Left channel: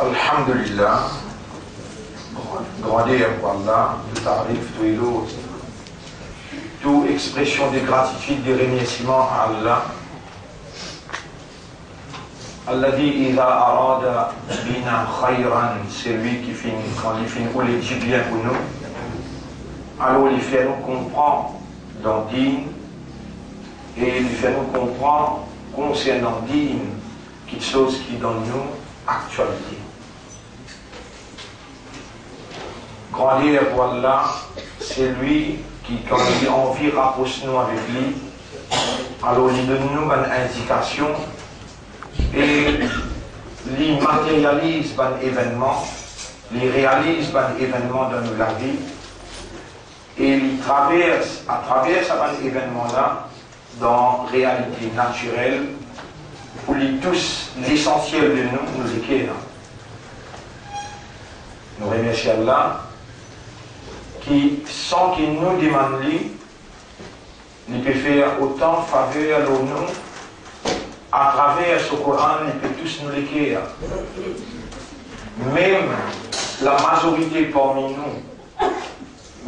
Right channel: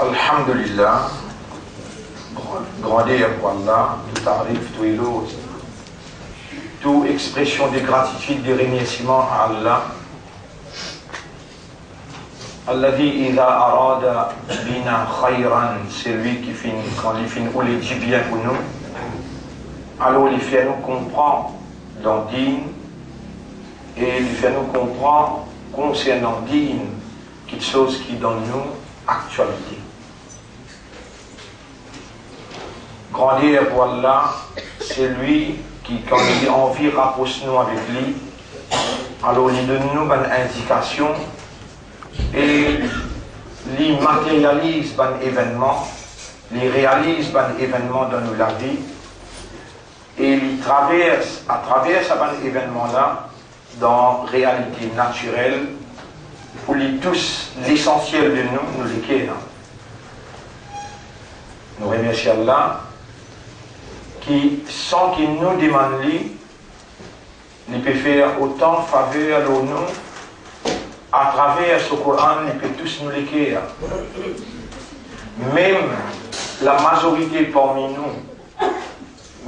Alhamdulillah, grandeur pour Allah, tout tarif, tout élo, toute expression de gratitude, de remerciement à Allah. Alladhi idha arada bina khayran, c'est lui qui finit, quand il finit, ou les dit bien pour nous, alors il fait nous comprendre dans Dîn, et il fait nous comprendre concernant Dîn, quelque chose qui donne nous actualité. Grandeur pour Allah, c'est lui qui, quand il a envie, rapproche nous avec lui, alors il donne nous une indication et il matérialise un événement, il réalise un événement dans la vie et il traverse à travers cet événement-là dans la réalité naturelle pour lui tous l'essentiel de nous l'équerre. Nous remercions Allah qui, sans qu'il nous demande lui, il peut faire autant faveur à nous, à travers ce Coran, il peut tous nous l'écrire. Même la majorité parmi nous,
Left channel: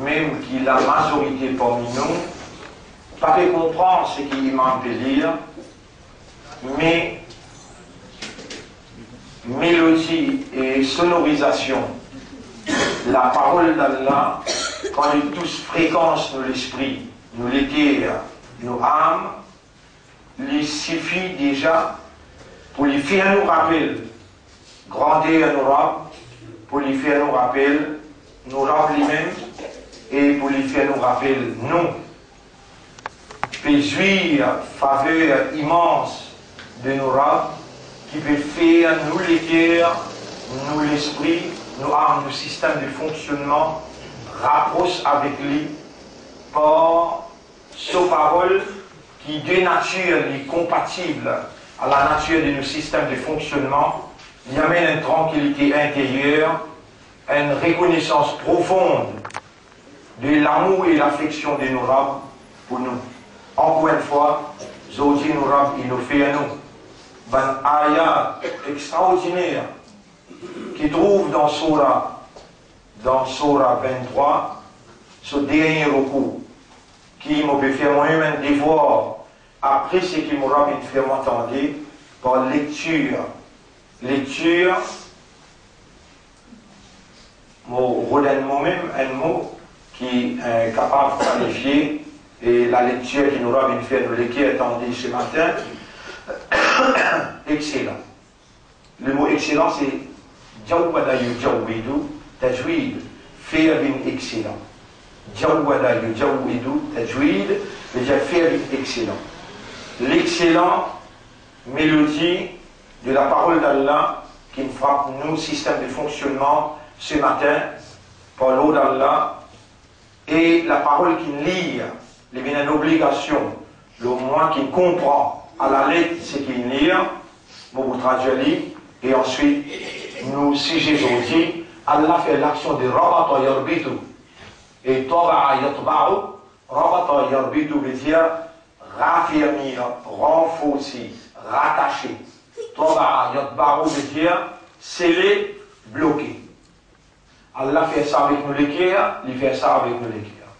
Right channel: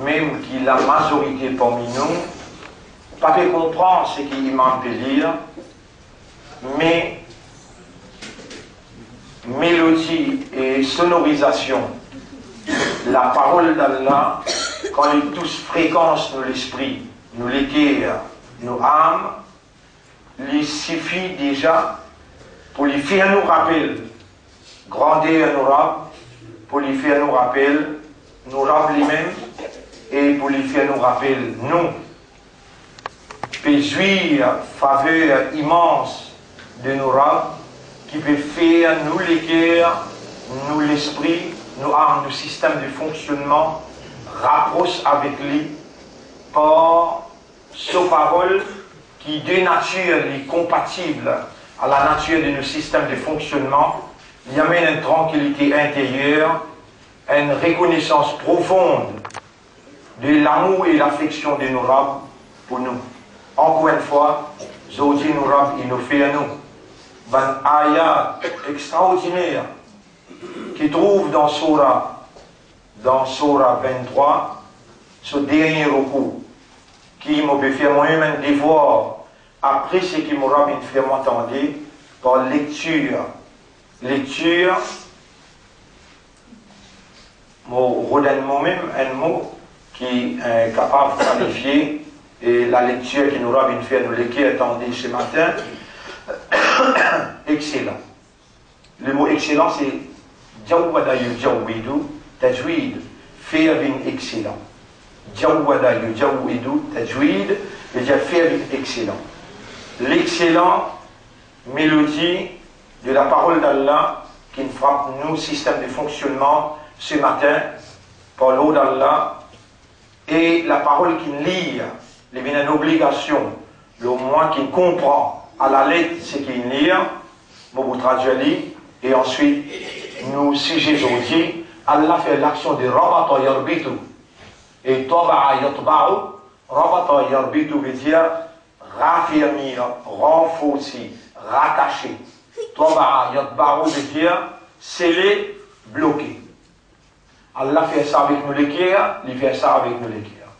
même qui la majorité parmi nous, pas peut comprendre ce qu'il m'en peut lire, mais mélodie et sonorisation, la parole d'Allah, quand ils tous fréquencent nous l'esprit, nous l'éther, nos âmes, il suffit déjà pour lui faire nous rappeler grandeur nos rabs, pour lui faire nous rappeler nos rabs lui-même et pour lui faire nous rappeler nous. Peut jouir faveur immense de nos rabs qui peut faire nous l'éther, nous l'esprit, nous âmes, nos systèmes de fonctionnement rapprochent avec lui par sa parole qui de nature est compatible à la nature de nos systèmes de fonctionnement, il amène une tranquillité intérieure, une reconnaissance profonde de l'amour et l'affection de nos rabs pour nous. Encore une fois, Zodi nos rabs, il nous fait à nous. Un ayat extraordinaire qui trouve dans Surah 23, ce dernier recours, qui m'a fait moi-même un devoir, après ce qui m'aura fait m'entendre, par lecture. Lecture, redonne moi-même un mot qui est capable de qualifier, et la lecture qui nous aura fait nous l'écrire, attendez ce matin, excellent. Le mot excellent, c'est Jawwada yujawwidu tajwid, faire bin excellent. Jawwada yujawwidu tajwid, veut dire faire bin excellent. L'excellent mélodie de la parole d'Allah qui nous frappe nous, système de fonctionnement, ce matin, par l'eau d'Allah, et la parole qui nous lit, il y a une obligation, le moins qui comprend à la lettre ce qu'il lit, vous traduisez, et ensuite, nous, si j'ai dit, Allah fait l'action de Rabata yarbitu. Et Taba'a yatba'u, Rabata yarbitu veut dire raffermir, renforcer, rattacher. Taba'a yatba'u veut dire sceller, bloquer. Allah fait ça avec nous l'équerre, il fait ça avec nous l'équerre.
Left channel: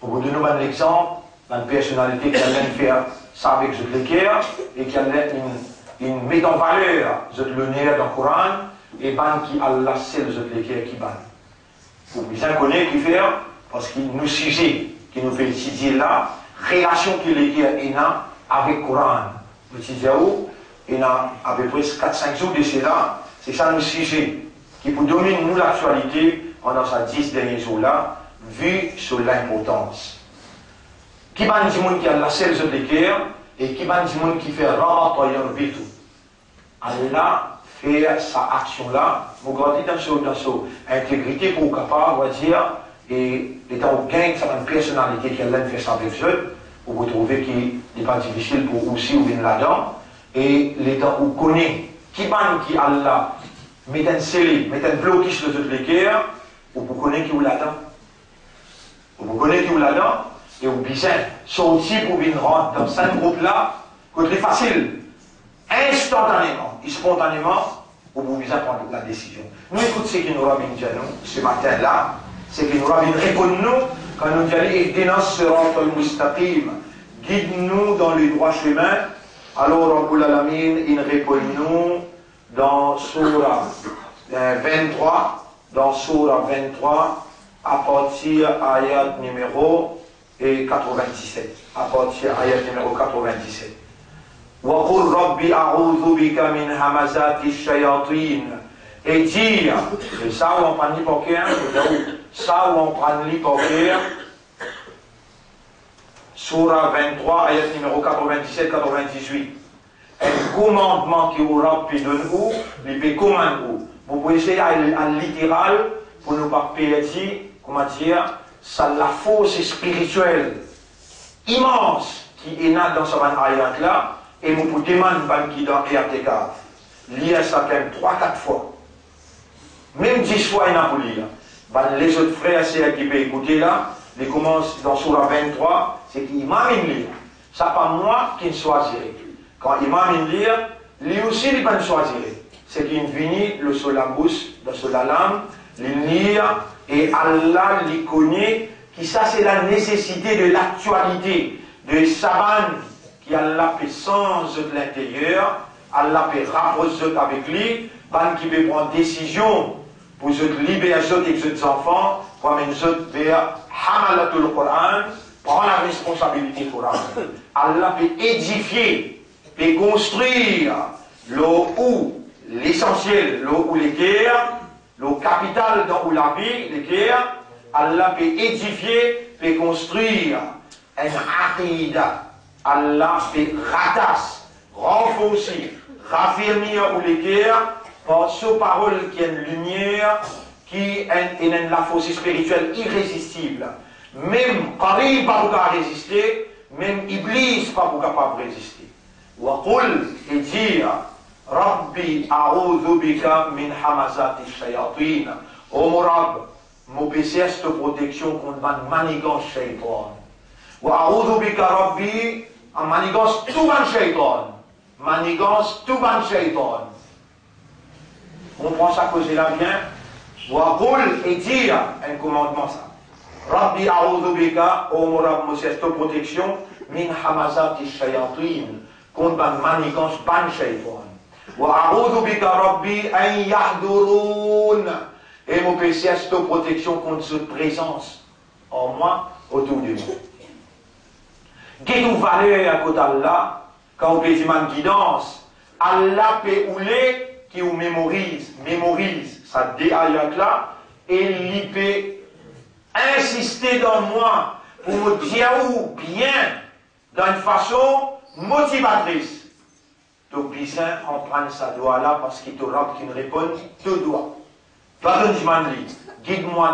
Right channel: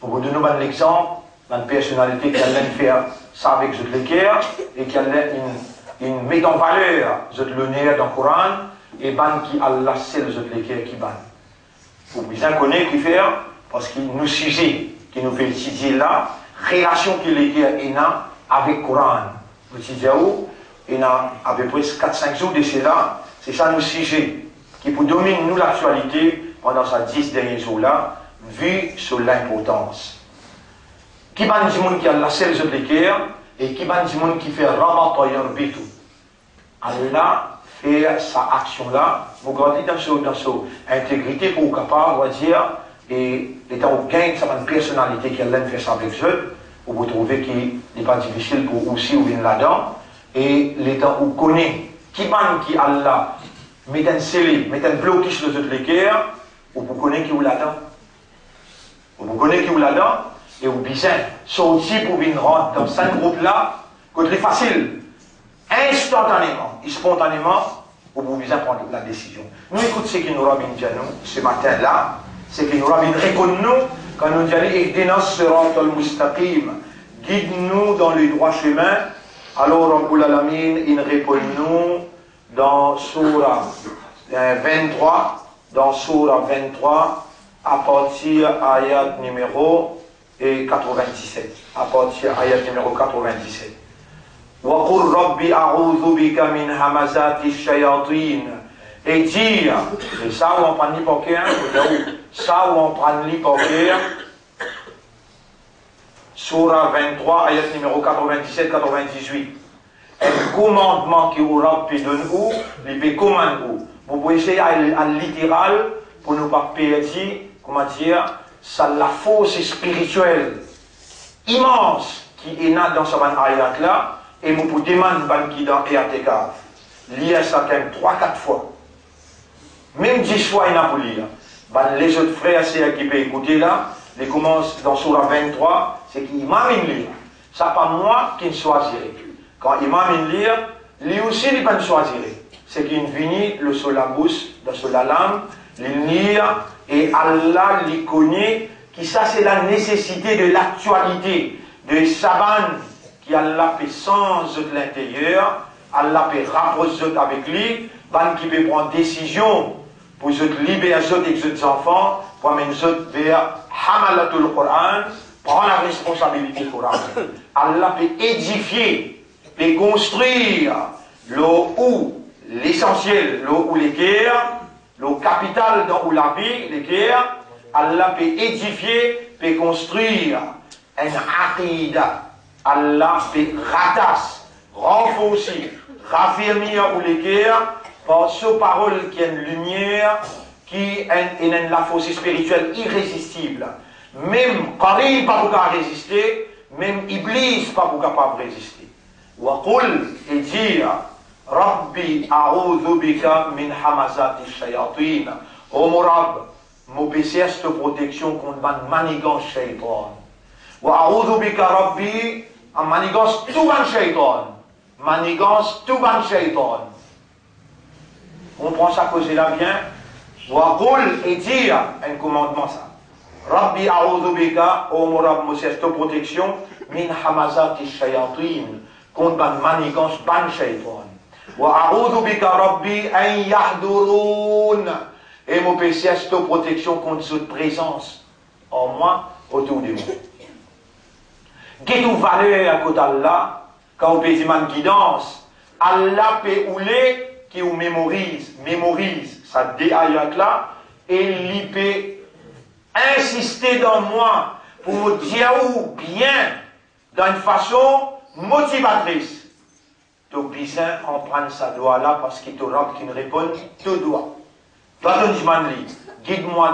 Pour vous donner un exemple, une personnalité qui allait faire ça avec l'équerre et qui allait une met en valeur l'honneur dans le Coran et ban qui Allah c'est l'équerre qui ban. Vous bien connaître qui faire parce qu'il nous sujet qui nous fait étudier là, relation que l'équerre est avec le Coran. Vous dites où il y a à peu près 4-5 jours de cela, c'est ça le sujet qui pour dominer nous l'actualité pendant ces 10 derniers jours-là, vu sur l'importance. Qui ban du monde qui a la selle de l'équerre et qui ban du monde qui fait Rabata yarbitu. Alors là, faire sa action-là, vous gardez dans son intégrité pour capable, on va dire, et l'état où gagne sa personnalité qui a fait ça avec eux, où vous trouvez qu'il n'est pas difficile pour aussi ou bien là-dedans, et l'état où connaît qui ban qui Allah met un scellé, met un blocage de toute l'équerre, ou vous connaissez qui ou là-dedans. Vous connaissez qui ou là-dedans, et vous bien sortir pour venir rentrer dans ce groupe-là, côté facile, instantanément et spontanément, au bout de prendre la décision. Nous écoutons ce que nous rabbi dit nous ce matin-là, c'est que nous rabbi répond nous quand nous disons Ihdina siratal mustaqim, guide-nous dans le droit chemin. Alors Rabbul Alamin, il répond nous dans Surah 23, à partir ayat numéro 97. À partir ayat numéro 97. وَقُلْ رَبِّ أَعُوذُ بِكَ مِنْ هَمَزَاتِ الشَّيَاطِينَ. Et dire, c'est ça où on prend l'hypocrite, ça où on prend l'hypocrite, Surah 23, ayat numéro 97-98. Un commandement qui aura pu donner où, il peut commander où. Vous pouvez essayer à littéral pour ne pas perdre, comment dire, ça la force spirituelle immense qui est née dans ce ayat là. Et vous pouvez demander qui dans EATK, lire ça quand même 3-4 fois. Même 10 fois, il n'a pas lire. Les autres frères, c'est qui peuvent écouter là, les commencent dans Surah 23, c'est qu'imam il lire. Ça pas moi qui ne choisirai. Quand imam il lire, lui aussi il ne peut pas choisir. C'est qu'il vient le sur la bouche, sur la langue, il lire, et Allah lui connaît, qui ça c'est la nécessité de l'actualité, de Saban, qui Allah peut sans de l'intérieur, Allah peut rapprocher avec lui, qui peut prendre décision pour se libérer des enfants, pour amener vers Hamalatul Coran, prendre la responsabilité du Coran. Allah peut édifier, peut construire l'essentiel, où les guerres, le capital dans où la vie, les guerres, Allah peut édifier, peut construire un aqidah. Allah peut ratasser, renforcer, raffermir ou les guerres par ce parole qui est une lumière, qui est la force spirituelle irrésistible. Même Karim pas pour résister, même Iblis pas pour capable résister. Waqul et dire Rabbi a'udhu bika min hamazati shayatin. Oh mon Rab, mon PC cette protection contre ma manigance shaitan. Wa'udhu bika Rabbi, en manigance tout ban shaitan. Manigance tout ban shaitan. On prend ça cause là bien. Waqul et dire un commandement ça. Rabbi a'udhu bika, oh mon Rab, mon cette protection min hamazati shayatin. Contre ban manigance ban shaitan. وَأَعُوذُ بِكَ رَبِّي أَنْ يَحْضُرُونَ. Et mon péché est cette protection contre cette présence en moi, autour de moi. Qu'est-ce que valeur à côté d'Allah, quand on peut dire une guidance, Allah peut ouler qui vous mémorise ça déayat là, et il peut insister dans moi pour me dire bien, d'une façon motivatrice. Tu besoin en prendre sa doigt là parce qu'il te rab qui ne répond deux doigts. Guide-moi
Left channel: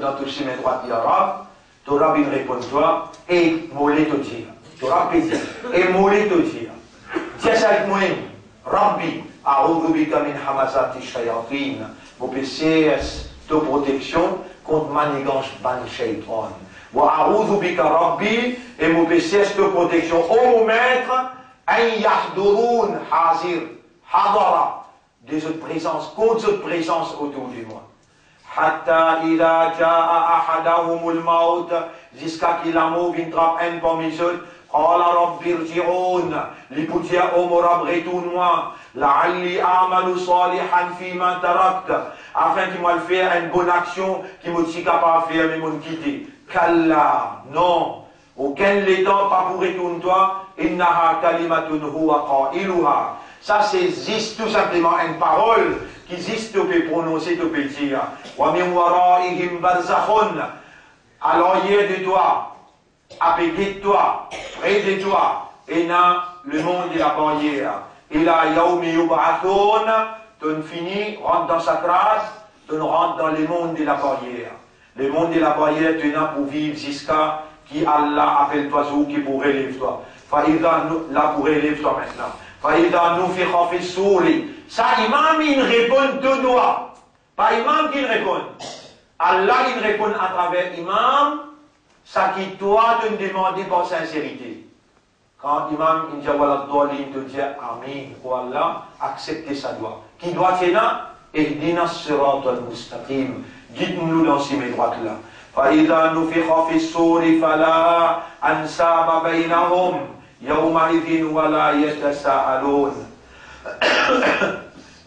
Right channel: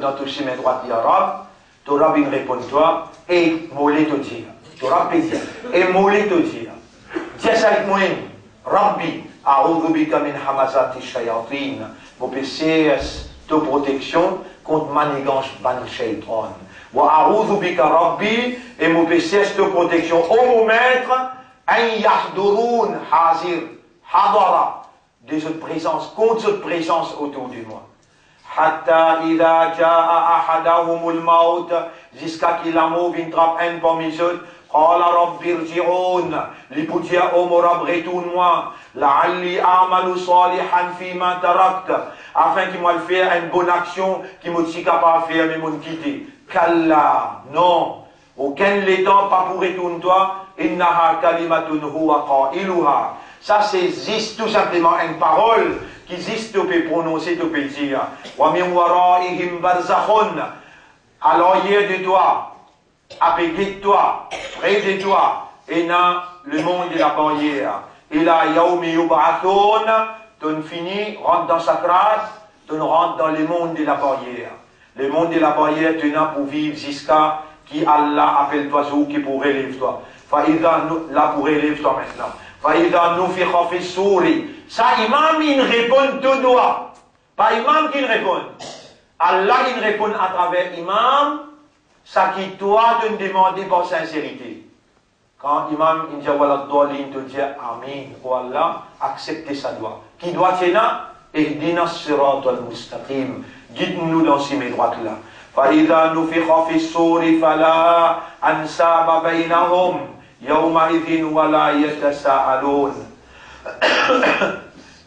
dans ton chemin droit, ya Rab. Tu rab il répond toi et mollet te dire. Tu rab peut dire et mollet te dire. Tiens ça avec moi. Rabbi, a'udhu bika min hamazati shayatin. Mon péché de protection contre manigance ban shaitan. Wa a'udhu bika Rabbi et mon péché de protection au mon maître. أن يحضرون حاضر حضر de cette présence, contre cette présence autour de moi. حتى إذا جاء أحدهم الموت jusqu'à qu'il a mort une trappe un parmi eux قال رب ارجعون li pour dire oh mon Rab retourne-moi لعلي أعمل صالحا فيما تركت afin qu'il m'a fait une bonne action qui me suis capable de faire mais me quitter. Kalla, non, aucun l'état pas pour retourner toi. Innaha kalimatun huwa qailuha. Ça, c'est existe tout simplement une parole qui existe, tu peux prononcer, tu peux dire. Wa min waraihim barzakhun. À l'arrière de toi, à côté de toi, près de toi, et là, le monde de la barrière. Et là, yaoumi yub'athun, tu finis, rentre dans sa classe, tu rentres dans le monde de la barrière. Le monde de la barrière, tu n'as pour vivre jusqu'à qui Allah appelle toi ou qui pourrait lever toi. Là pour élève toi maintenant. Faïda nous fait rafi souri. Ça, imam, il répond de doigts. Pas imam qui répond. Allah, il répond à travers imam, ça qui toi te demande par sincérité. Quand l'imam il dit voilà te dit Amin, oh Allah, acceptez sa doigt. Qui doit être là? Ihdina as-sirat al-mustaqim. Guide-nous dans ces droites là. فإذا نفخ في الصور فلا أنساب بينهم يومئذ ولا يتساءلون.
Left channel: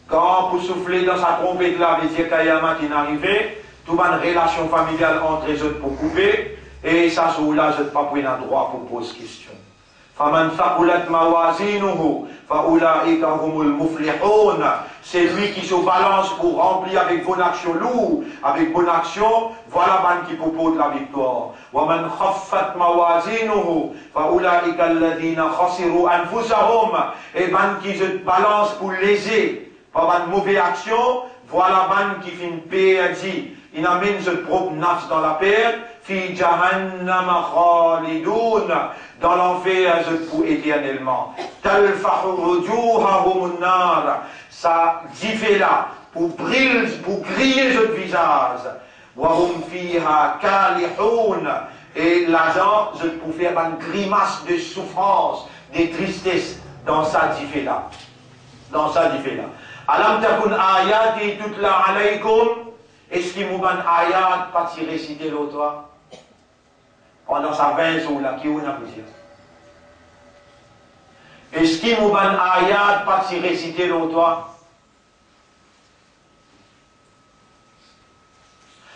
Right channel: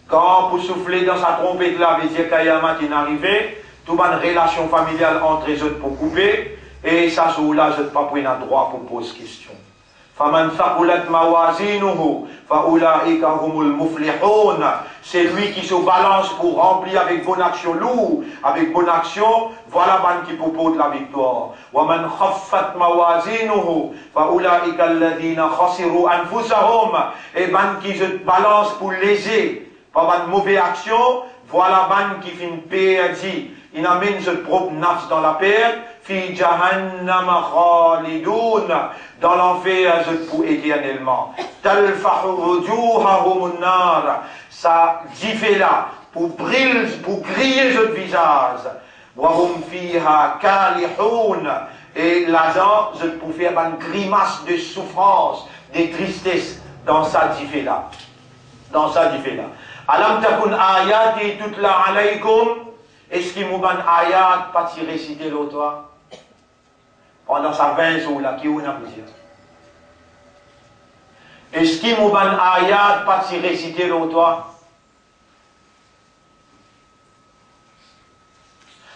Quand vous soufflez dans sa trompette là, veut dire Kayamat est arrivé, toute une relation familiale entre les autres pour couper, et ça jour-là, je ne pas prendre un droit pour poser question. فَمَنْ ثَقُلَتْ مَوَازِينُهُ فَأُولَٰئِكَ هُمُ الْمُفْلِحُونَ. C'est lui qui se balance pour remplir avec bonne action lourd, avec bonne action, voilà man qui propose la victoire. وَمَنْ خَفَّتْ مَوَازِينُهُ فَأُولَٰئِكَ الَّذِينَ خَسِرُوا أَنفُسَهُمْ. Et man qui se balance pour léser, par une mauvaise action, voilà man qui fait une perdue. Il amène ce propre nafs dans la perte, fi jahannam khalidun, dans l'enfer pour éternellement. Talfahu wujuhahum an-nar, ça dit là pour griller ce visage. Wa hum fiha kalihun, et l'agent pour faire une grimace de souffrance, de tristesse dans sa dit là. Dans sa dit là. Alam takun ayati tutla alaykum. Est-ce qu'il m'a ban ayat pas si réciter l'autre pendant sa 20 jours là qui on a pu dire? Est-ce qu'il m'a ban ayat pas si réciter l'autre?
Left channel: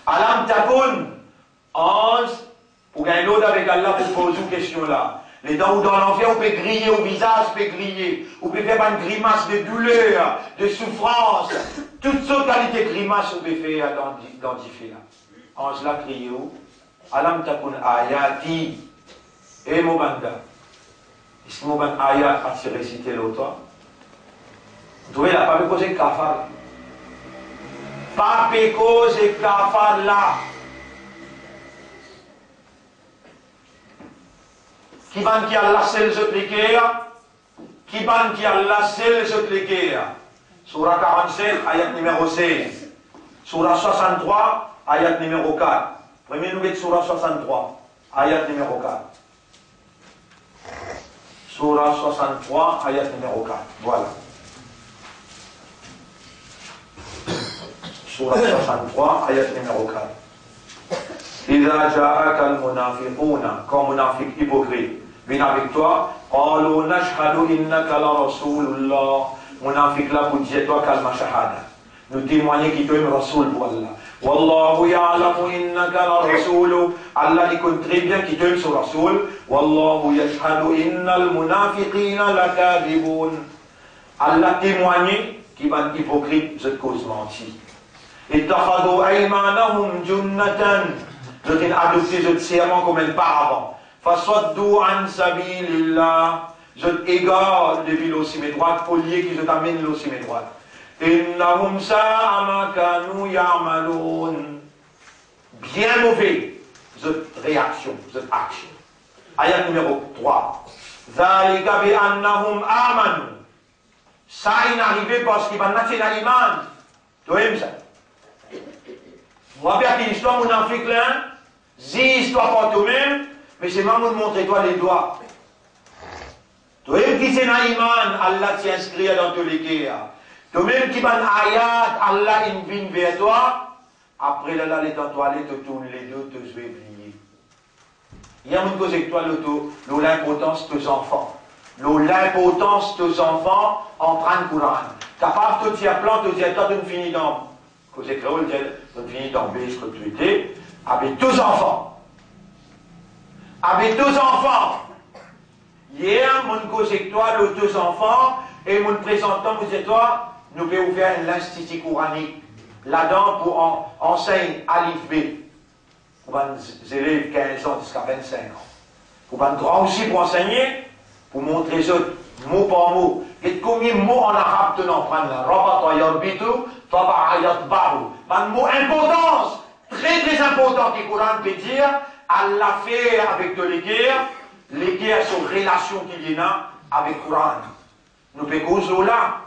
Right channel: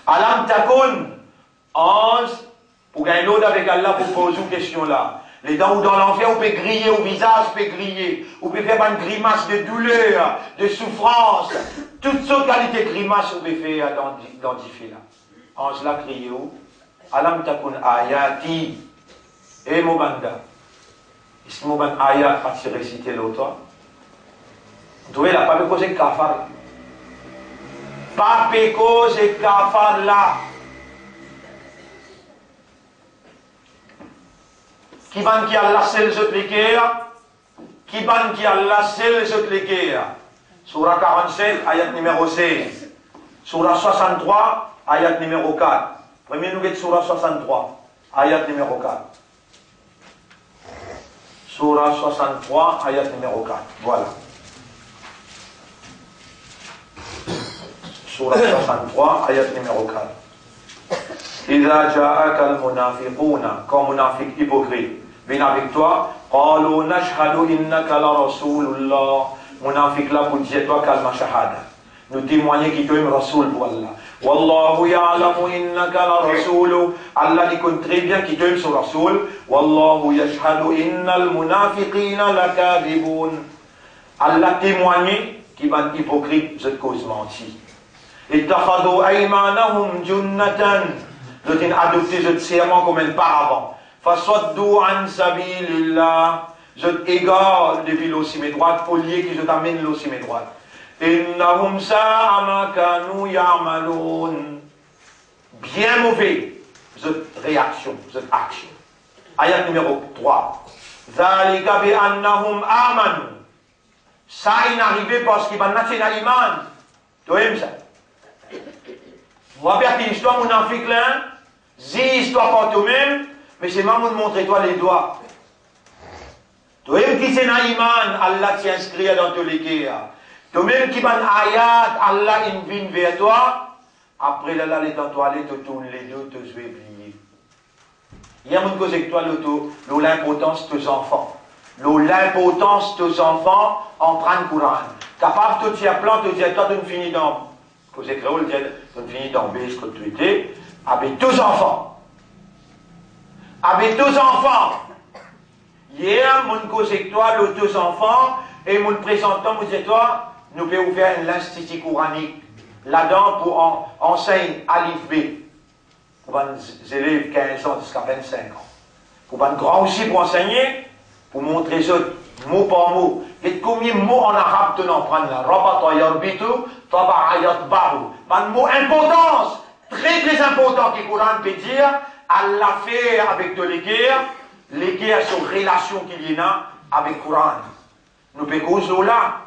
Alam takun 11 pour gagner l'autre avec Allah pour poser une question là. Les dents ou dans l'enfer, on peut griller au visage, on peut griller. On peut faire une grimace de douleur, de souffrance. Toutes sortes de qualités de grimaces, on peut faire dans là. Ange là, crié où? Alam takun ayati. Et Mobanda. Est-ce que Moban ayat a tiré réciter l'autre? Vous trouvez là, pas de cause de kafar. Pas de cause de kafar là. Qui van qui a lassé les autres l'équerre? Qui van qui a lassé les autres l'équerre? Surah 47, ayat numéro 16. Surah 63, ayat numéro 4. Premier nous Surah 63, ayat numéro 4. Surah 63, ayat numéro 4. Voilà. Surah 63, ayat numéro 4. إذا جاءك المنافقون comme منافق hypocrite viennent avec toi قالوا نشهد إنك لرسول الله. Munafiq là pour dire toi kalma shahada. Nous témoignons qui tu es Rasoul pour Allah. Wallahu ya'lamu innaka la rasulu. Allah dit très bien qui tu es sur Rasoul. Wallahu yashhadu innal munafiqina lakadibun. Allah témoigne qui va hypocrite cette cause mentie. Ittakhadhu aymanahum junnatan. Je t'ai adopté ce serment comme un paravent. Faswaddu an sabilillah. Je t'égare depuis l'ossime droite, pour lier qui je t'amène l'ossime droite. Innahum sa'a ma kanu ya'malun. Bien mauvais, cette réaction, cette action. Ayat numéro 3. Zalika bi annahum amanu. Ça est arrivé parce qu'il va naître dans l'iman. Tu aimes ça? Vous voyez l'histoire, mon enfant, là, dis histoire pour toi-même, mais c'est maman de montrer toi les doigts. Toi-même qui c'est dans l'iman, Allah t'y inscrit dans tous les cas. Toi-même qui van ayat, Allah invite vers toi. Après là, les dans toilette, tu tournes les deux, tu vas oublier. Il y a une cause avec toi, l'importance de tes enfants. L'importance de tes enfants en train de Coran. Capable de te dire plan, de dire toi, tu finis dans. Cause créole, tu finis dans B, ce que tu étais, avec deux enfants. Avec deux enfants. Hier, mon cause avec toi, les deux enfants, et mon présentant, vous dites toi, nous pouvons ouvrir l'institut coranique là-dedans pour enseigner Alif B. Pour les élèves 15 ans jusqu'à 25 ans. Pour les grands aussi pour enseigner, pour montrer ça mot par mot. Et combien de mots en arabe tu en prends là? Rabata yarbitu, taba'ayat bahu. Un mot importance, très très important que le Coran peut dire, Allah fait avec de les guerres sont relations qu'il y a avec le Coran. Nous pouvons là.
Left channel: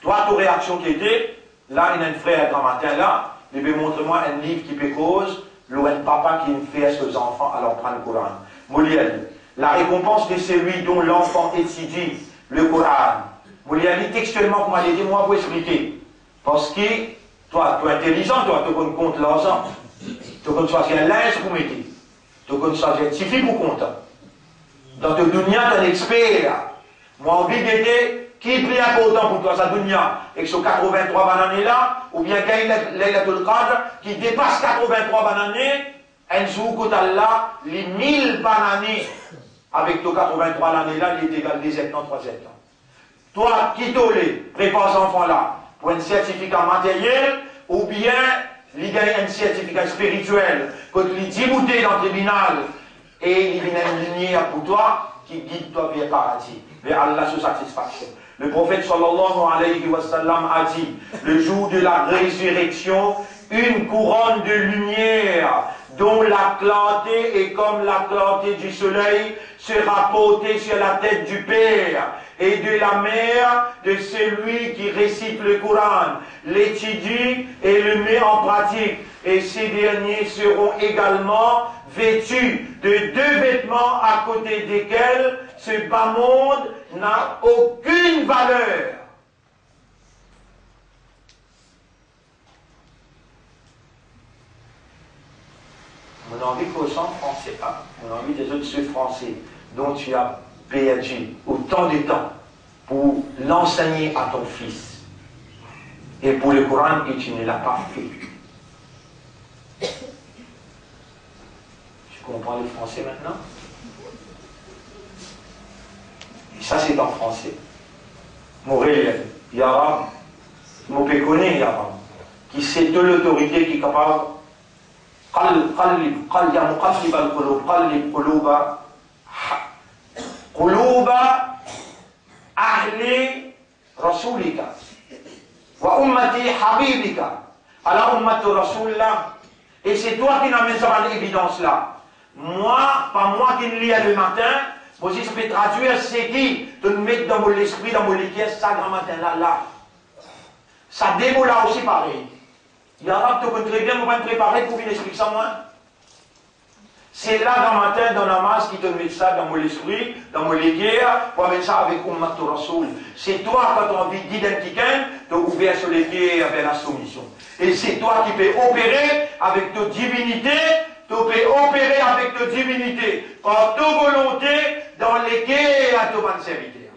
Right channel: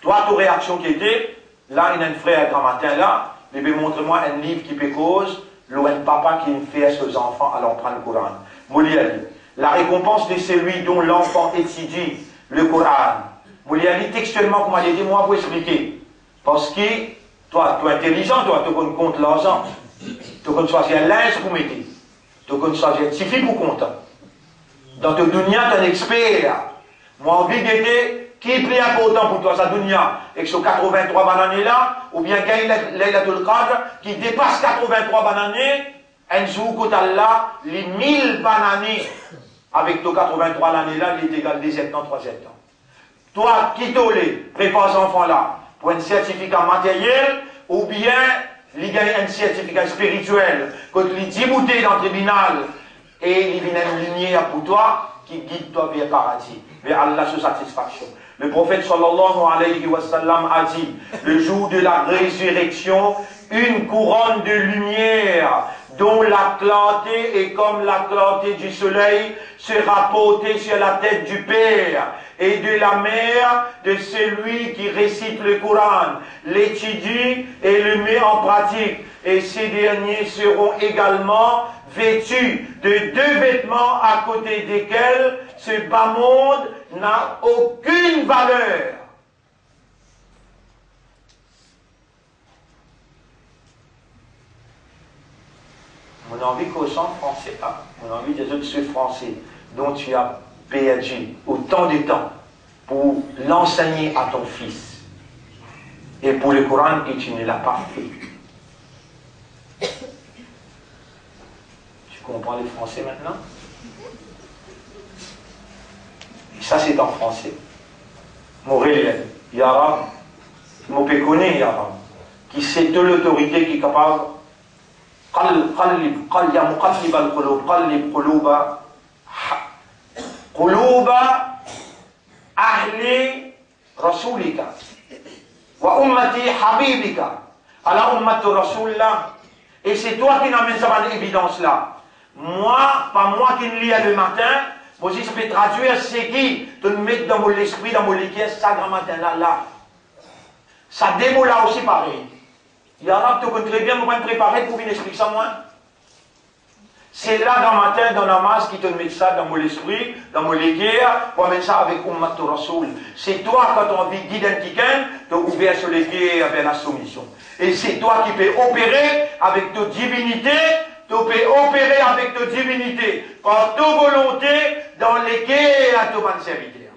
Toi, ta réaction qui était, là, il y a un frère grand matin là, mais montre-moi un livre qui peut cause, un papa qui fait à ses enfants alors prendre le Coran. Molière, la récompense de celui dont l'enfant étudie le Coran. Vous l'avez dit textuellement, comme elle dit, moi, vous expliquer. Parce que, toi, tu es intelligent, toi, tu comptes l'argent. Tu comptes choisir un linge pour mettre. Tu comptes choisir un petit fille pour compter. Dans ton dunya, tu es un expert. Moi, envie d'aider, qui est plus important pour toi, sa dunya, avec ce 83 bananes là, ou bien Laylatul Qadr, qui dépasse 83 bananes, un jour, quand Allah, les 1000 bananes, avec ton 83 l'année là, il est égal des 73 ans. Toi, qui t'as prépare cet enfant-là pour un certificat matériel, ou bien, il gagne un certificat spirituel, quand il dit bouté dans le tribunal, et il vient une lumière pour toi, qui guide toi vers le paradis, vers Allah sous satisfaction. Le prophète sallallahu alayhi wa sallam a dit, le jour de la résurrection, une couronne de lumière, dont la clarté est comme la clarté du soleil, sera portée sur la tête du Père et de la mère de celui qui récite le Coran, l'étudie et le met en pratique. Et ces derniers seront également vêtus de 2 vêtements à côté desquels ce bas monde n'a aucune valeur. On a envie qu'au sang français, on a envie des autres ce français dont tu as perdu autant de temps pour l'enseigner à ton fils et pour le Coran et tu ne l'as pas fait. Tu comprends le français maintenant? Et ça c'est en français. Mon réel, Yara, mon péconé Yara, qui c'est de l'autorité qui est capable. قل يا مقلب القلوب قلب قلوب أهل رسولك وأمتي حبيبك على أمة رسول الله. Et c'est toi qui n'amènes ça à l'évidence là. Moi, pas moi qui le lis le matin, moi si je peux traduire, c'est qui de nous mettre dans mon esprit, dans mon liquide, ça grand matin là. Ça démo là aussi pareil. Il y en a qui te très bien comment préparer pour venir expliquer ça moi. C'est là dans le matin, dans la masse, qui te met ça dans mon esprit, dans mon léguère, pour mettre ça avec Ummat Rasoul. C'est toi, quand tu as envie d'identifier, de ouvrir sur les pieds avec la soumission. Et c'est toi qui peux opérer avec ta divinité, tu peux opérer avec ta divinité, par ta volonté, dans lesquels à ton bon serviteur.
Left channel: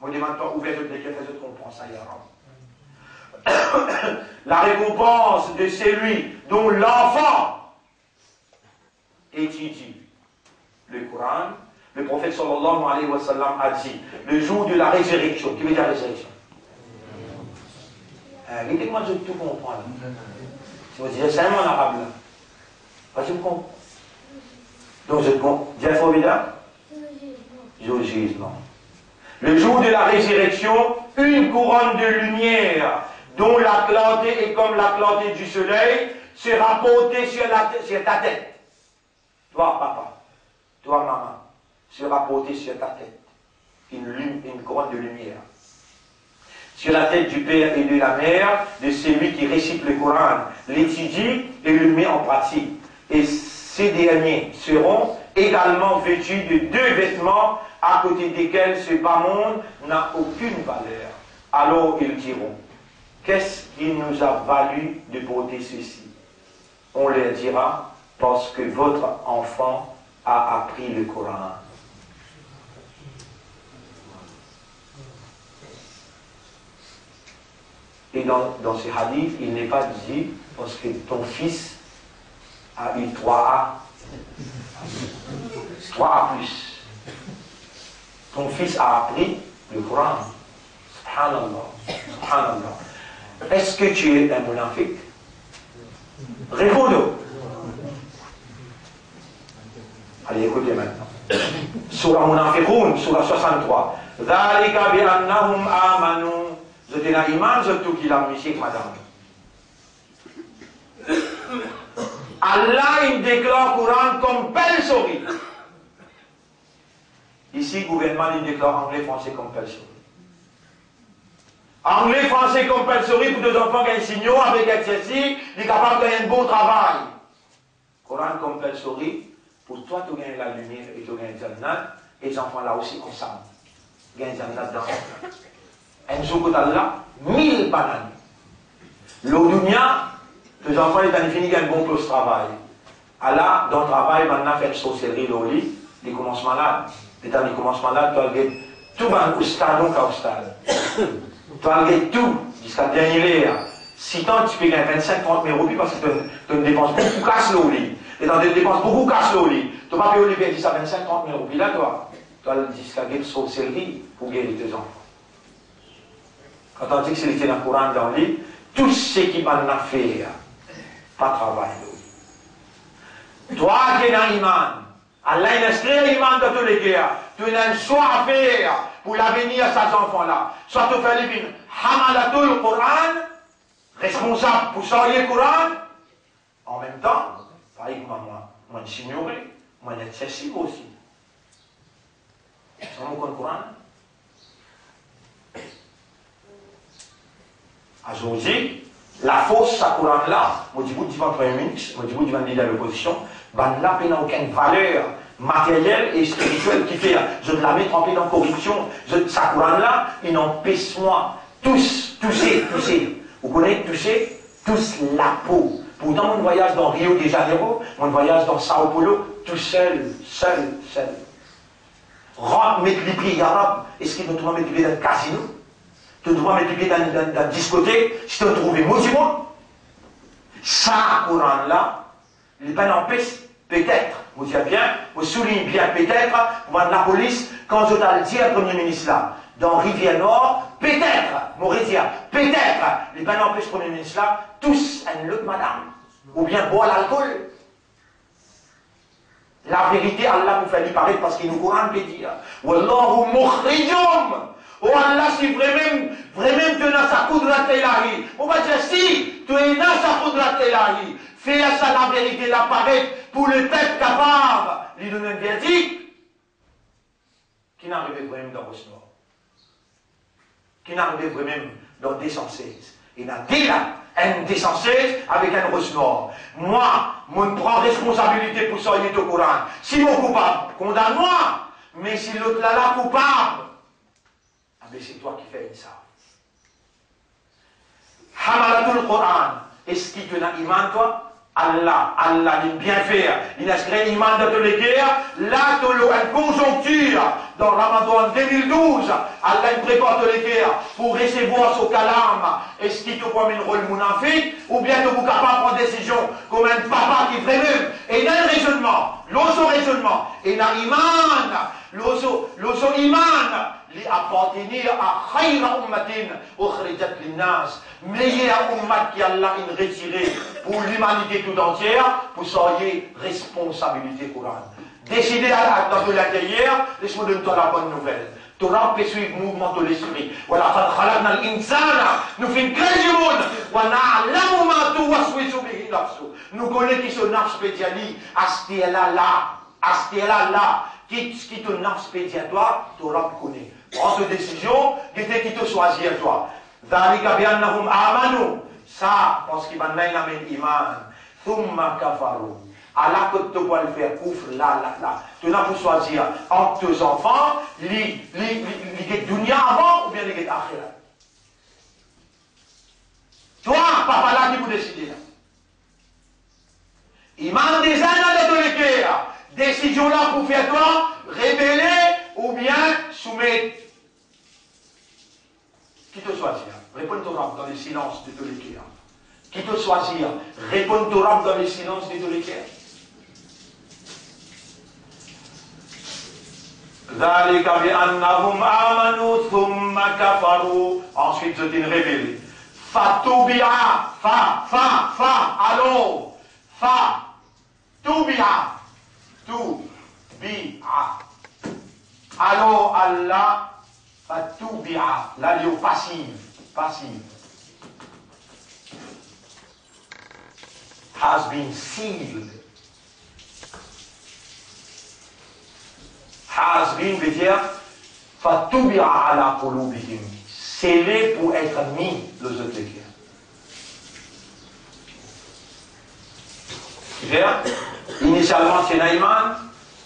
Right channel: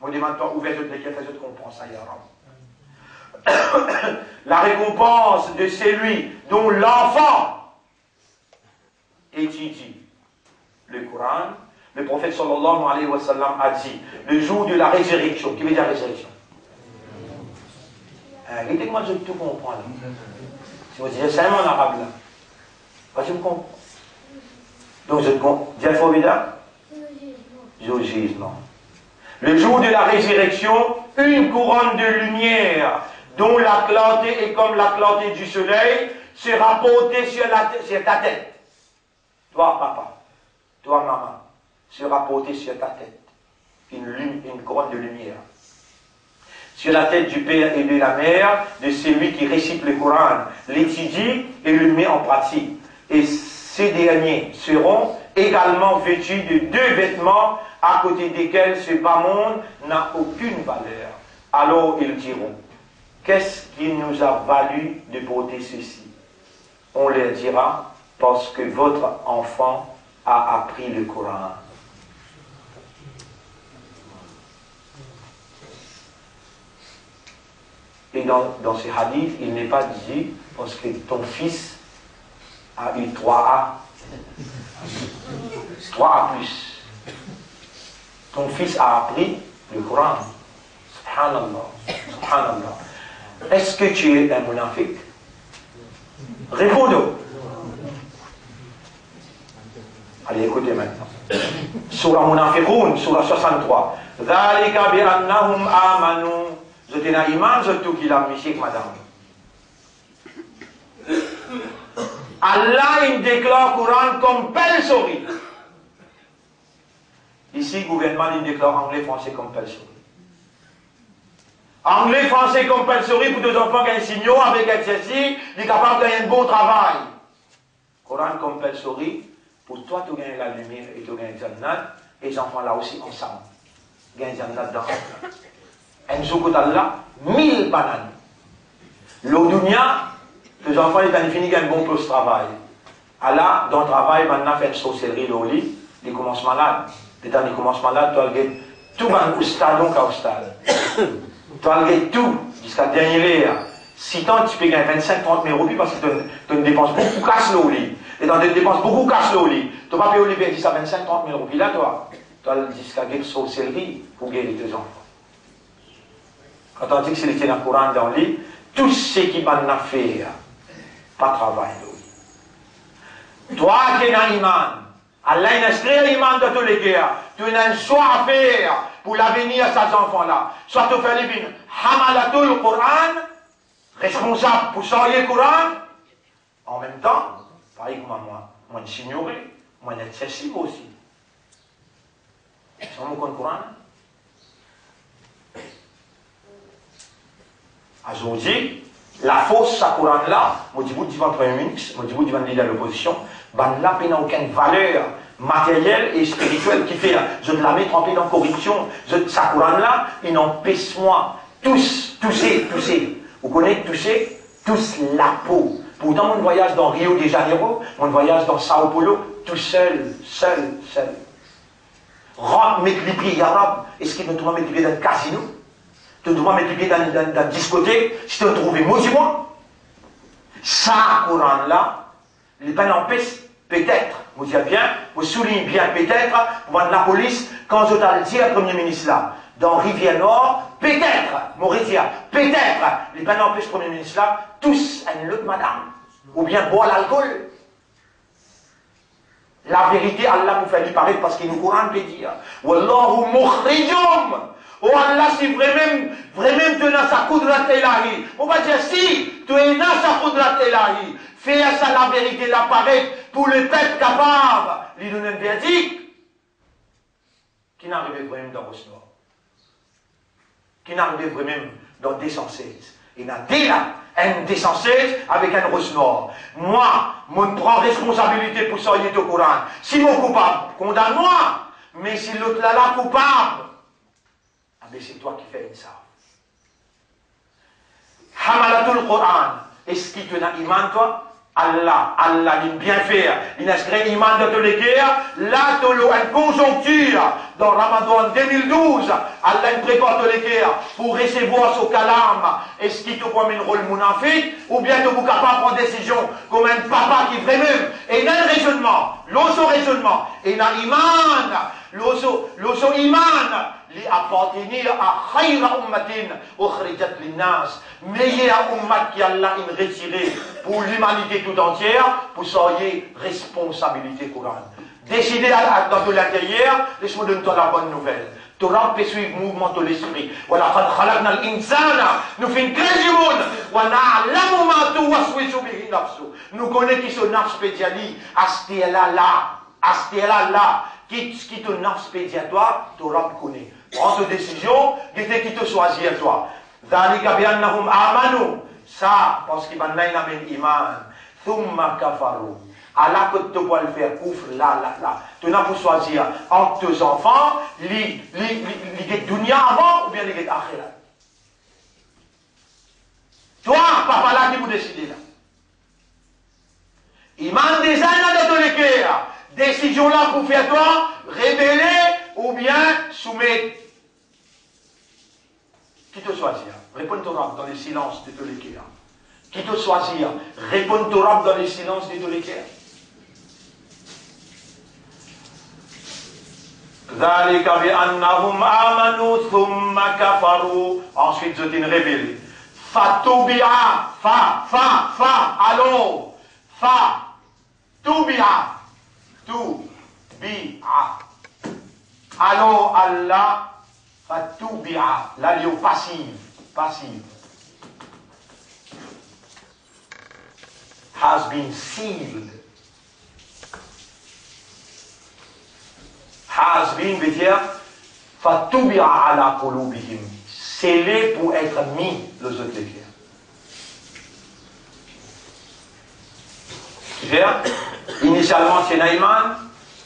On demande pas ouvrir sur les pieds, fais-le comprendre ça, Yara. La récompense de celui dont l'enfant étudie le Coran, le prophète sallallahu alayhi wa sallam a dit, le jour de la résurrection, qui veut dire résurrection? Regardez-moi, je tout comprends là. Si vous dites, c'est un en arabe là. Pas je me comprends. Donc je comprends. Dis formidable? Jugement. Le jour de la résurrection, une couronne de lumière dont la clarté est comme la clarté du soleil, sera portée sur ta tête. Toi, papa, toi, maman, sera portée sur ta tête. Une couronne de lumière. Sur la tête du père et de la mère, de celui qui récite le Coran, l'étudie et le met en pratique. Et ces derniers seront également vêtus de 2 vêtements à côté desquels ce bas monde n'a aucune valeur. Alors ils diront, qu'est-ce qui nous a valu de porter ceci? On leur dira, parce que votre enfant a appris le Coran. Et dans ce hadith, il n'est pas dit, parce que ton fils a eu 3A. 3A+. Ton fils a appris le Coran. Subhanallah. Subhanallah. Est-ce que tu es un munafiq? Réponds-nous. Allez, écoutez maintenant. Surah Munafiqun, surah 63. Dhalika bi annahum amanu. Vous êtes un imam, je tout qui l'a mis, madame. Allah, il déclare le Coran comme compulsory. Ici, le gouvernement, il déclare anglais, français compulsory. Anglais, français compulsory pour 2 enfants qui ont un signaux avec exercice, il est capable de gagner un bon travail. Coran compulsory, Pour toi, tu gagnes la lumière et tu gagnes Jannat, et les enfants là aussi ensemble. Gagne Jannat dans un jour là, 1000 bananes. L'eau dunya, les enfants, ils ont fini un bon poste de travail. Allah, dans le travail, maintenant, fait une sorcellerie, l'oli, ils commencent malades. Et quand ils commencent malades, tu as tout un oustad, donc un oustad. Tu as tout, jusqu'à dernier là. Si tant, tu peux gagner 25-30 000 roupies parce que tu ne dépenses beaucoup casse l'oli. Et tu dépenses beaucoup casse l'oli. Tu vas payer au Libé 10 à 25-30 000 roupies là, toi. Tu as jusqu'à gagner une sorcellerie pour gagner tes enfants. Quand on dit que c'est le Coran dans le lit, tout ce qui m'a fait, pas travail. Toi qui es un imam, Allah a inscrit l'imam dans tous les guerres, tu as un choix à faire pour l'avenir de ces enfants-là. Soit tu fais les Hamalatul Coran, responsable pour sortir le Coran, en même temps, pareil que moi, je suis ignoré, moi, je suis accessible aussi. C'est mon Coran. Aujourd'hui, la fausse Coran là, moi je vous dis pas Premier ministre, moi je vous dis pas leader de l'opposition, ben là, il n'a aucune valeur matérielle et spirituelle qui fait, je la mets trempée dans la corruption, sa Coran là, il n'empêche moi, toucher, vous connaissez toucher, tous la peau. Pourtant, mon voyage dans Rio de Janeiro, mon voyage dans Sao Paulo, tout seul. Rentre, mettre les pieds arabes, est-ce qu'il doit mettre les pieds dans le casino? Tu dois mettre les pieds dans la discothèque, si tu as trouvé maudit-moi. Ça, Coran-là, les peines empêchent, peut-être, vous dites bien, vous soulignez bien, peut-être, pour la police, quand je t'ai dit à Premier ministre là, dans Rivière-Nord, peut-être, Mauritia, peut-être, les peines empêchent Premier ministre là, tous un autre madame, ou bien boire l'alcool. La vérité, Allah nous fait lui parler parce qu'il nous Coran peut dire, Wallahu mukhrijum. Oh Allah, si vraiment tu es dans sa Qudrat Ilahi, on va dire si tu es dans sa Qudrat Ilahi, fais ça la vérité l'apparaître pour le peuple capable, lui donner un verdict, qui n'arrivait vraiment dans Rosnoir, qui n'arrivait vraiment dans 216. Il y a déjà un 216 avec un Rosnoir. Moi, je prends responsabilité pour sortir au Coran. Si mon coupable, condamne-moi, mais si l'autre là coupable, mais c'est toi qui fais ça. Hamalatul Coran. Est-ce qu'il te n'a iman toi? Allah il bien faire. Il a inscrit iman dans toutes les guerres. Là, tu as une conjoncture. Dans Ramadan 2012, Allah prépare toutes les guerres pour recevoir son calame. Est-ce qu'il te prend une rôle mounafik? Ou bien tu es capable de prendre une décision comme un papa qui fait même. Et il y a un raisonnement. L'autre raisonnement. Et il y a iman. L'autre iman. Appartenir à khayra ummatin ukhrijat linnas, meilleure ummat qui Allah a retiré pour l'humanité tout entière, pour soyez responsabilité Coran. Décidez dans de l'intérieur, laisse-moi donner toi la bonne nouvelle. Torah peut suivre le mouvement de l'esprit. Voilà, khalaqna al-insana, nous faisons grâce du monde. Wa na'lamu ma tuwaswisu bihi nafsu. Nous connaissons qui sont nafs pédiali, astiela là, qui te nafs pédiatoire, Torah connaît. Prends cette décision, qui te choisit toi. Dhalika bi'annahum amanu. Ça, parce qu'il y a un iman. Thumma kafaru. Allah que tu peux le faire, couvre là. Tu n'as pas choisir entre tes enfants, les dunya avant ou bien les akhirat. Toi, papa là qui vous décidez là. Iman des années de tous les guerres. Décision là pour faire toi, révéler ou bien soumettre. Qui te choisit? Réponds-toi dans les silences de tous les guerres. Qui te choisit? Réponds-toi dans les silences de tous les guerres. ذلك بأنهم آمنوا ثم كفروا. Ensuite, je t'ai révélé. Fatubia, allons, tubia, allons Allah, fatubia, la lieu passive, has been sealed. Has been veut dire fatubia ala qulubihim, scellé pour être mis les autres guerres. Lucifer, initialement c'est Naïman,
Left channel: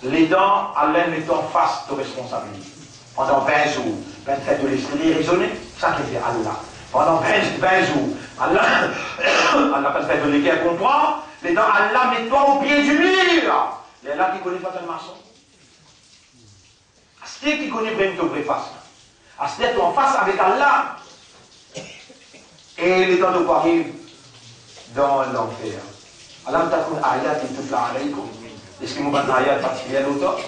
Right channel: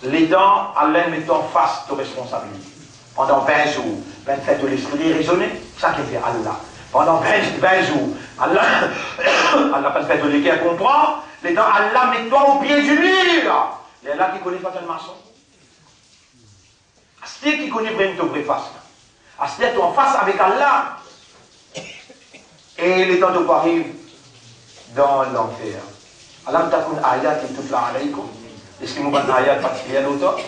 les dents, Allah met en face de responsabilité. Pendant 20 jours, 27 de l'esprit raisonner, ça qui fait Allah. Pendant 20 jours, Allah pas fait de l'équerre comprend, les dents, Allah met toi au pied du mur. Il y a là qui connaît pas le maçon. C'est qui connaît vraiment ton vrai face. C'est en face avec Allah. Et les dents de quoi arrivent dans l'enfer. Allah t'akoun ayat et tout là alaykoum. Est-ce que vous avez un ayat particulier d'autre?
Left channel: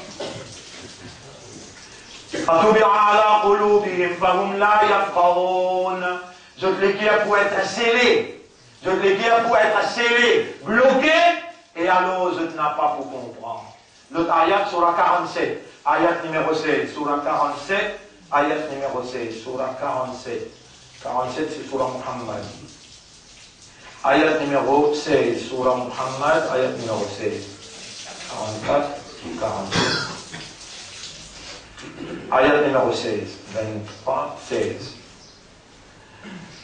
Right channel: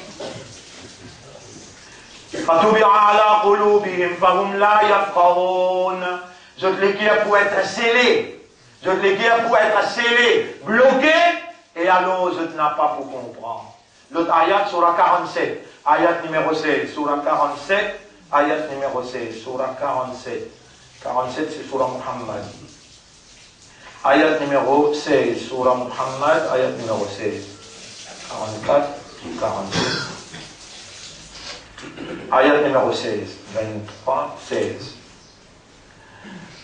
فَتُبِعَ عَلَىٰ قُلُوبِهِمْ فَهُمْ لَا يَفْقَهُونَ. Je te l'écrire pour être scellé. Je te l'écrire pour être scellé, bloqué, et alors je ne n'ai pas pour comprendre. L'autre ayat, surah 47, ayat numéro 16, surah 47, ayat numéro 16, surah 47. 47, c'est surah Muhammad. Ayat numéro 16, surah Muhammad, ayat numéro 16. 44, 47. Ayat numéro 16, 23, 16.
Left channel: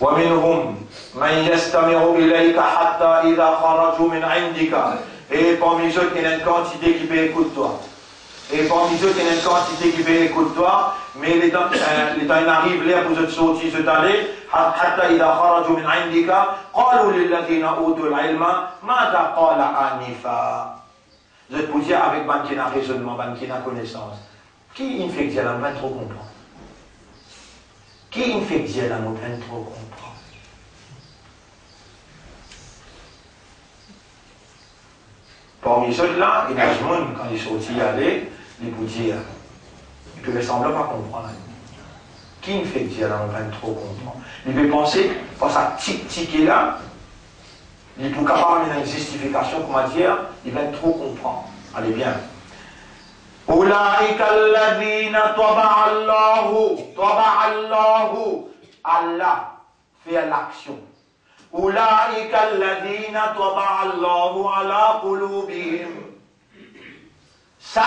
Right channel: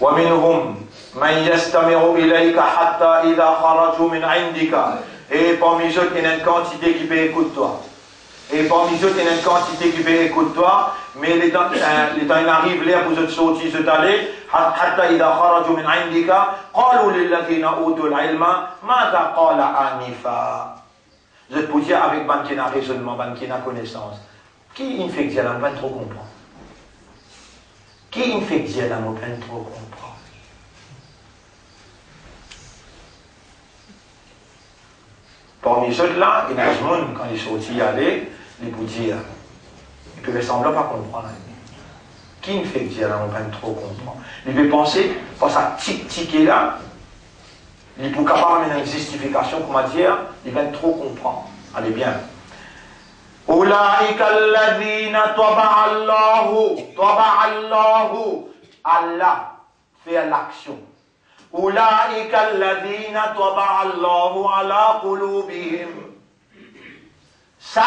وَمِنْهُمْ مَنْ يَسْتَمِعُ إِلَيْكَ حَتَّى إِذَا خَرَجُوا مِنْ عِنْدِكَ. Et parmi eux, il y a une quantité qui peut écouter toi. Et parmi eux, il y a une quantité qui peut écouter toi. Mais les temps arrivent là pour te sortir, te aller. حَتَّى إِذَا خَرَجُوا مِنْ عِنْدِكَ قَالُوا لِلَّذِينَ أُوتُوا الْعِلْمَ مَاذَا قَالَ آنِفًا. Je te peux dire avec ban qui n'a raisonnement, ban qui n'a connaissance. Qui il fait que Dieu n'a pas trop comprendre? Qui il fait que Dieu n'a pas trop comprendre? Parmi ceux-là, il y a des gens, quand ils sont sortis aller, ils peuvent dire, ils peuvent sembler pas comprendre. Qui il fait que Dieu n'a pas trop comprendre? Il peut penser, pour sa tic là, il peut capable une justification, comment dire, il va trop comprendre. Allez bien. أولئك الذين طبع الله Allah fait l'action. أولئك الذين طبع الله على قلوبهم. Ça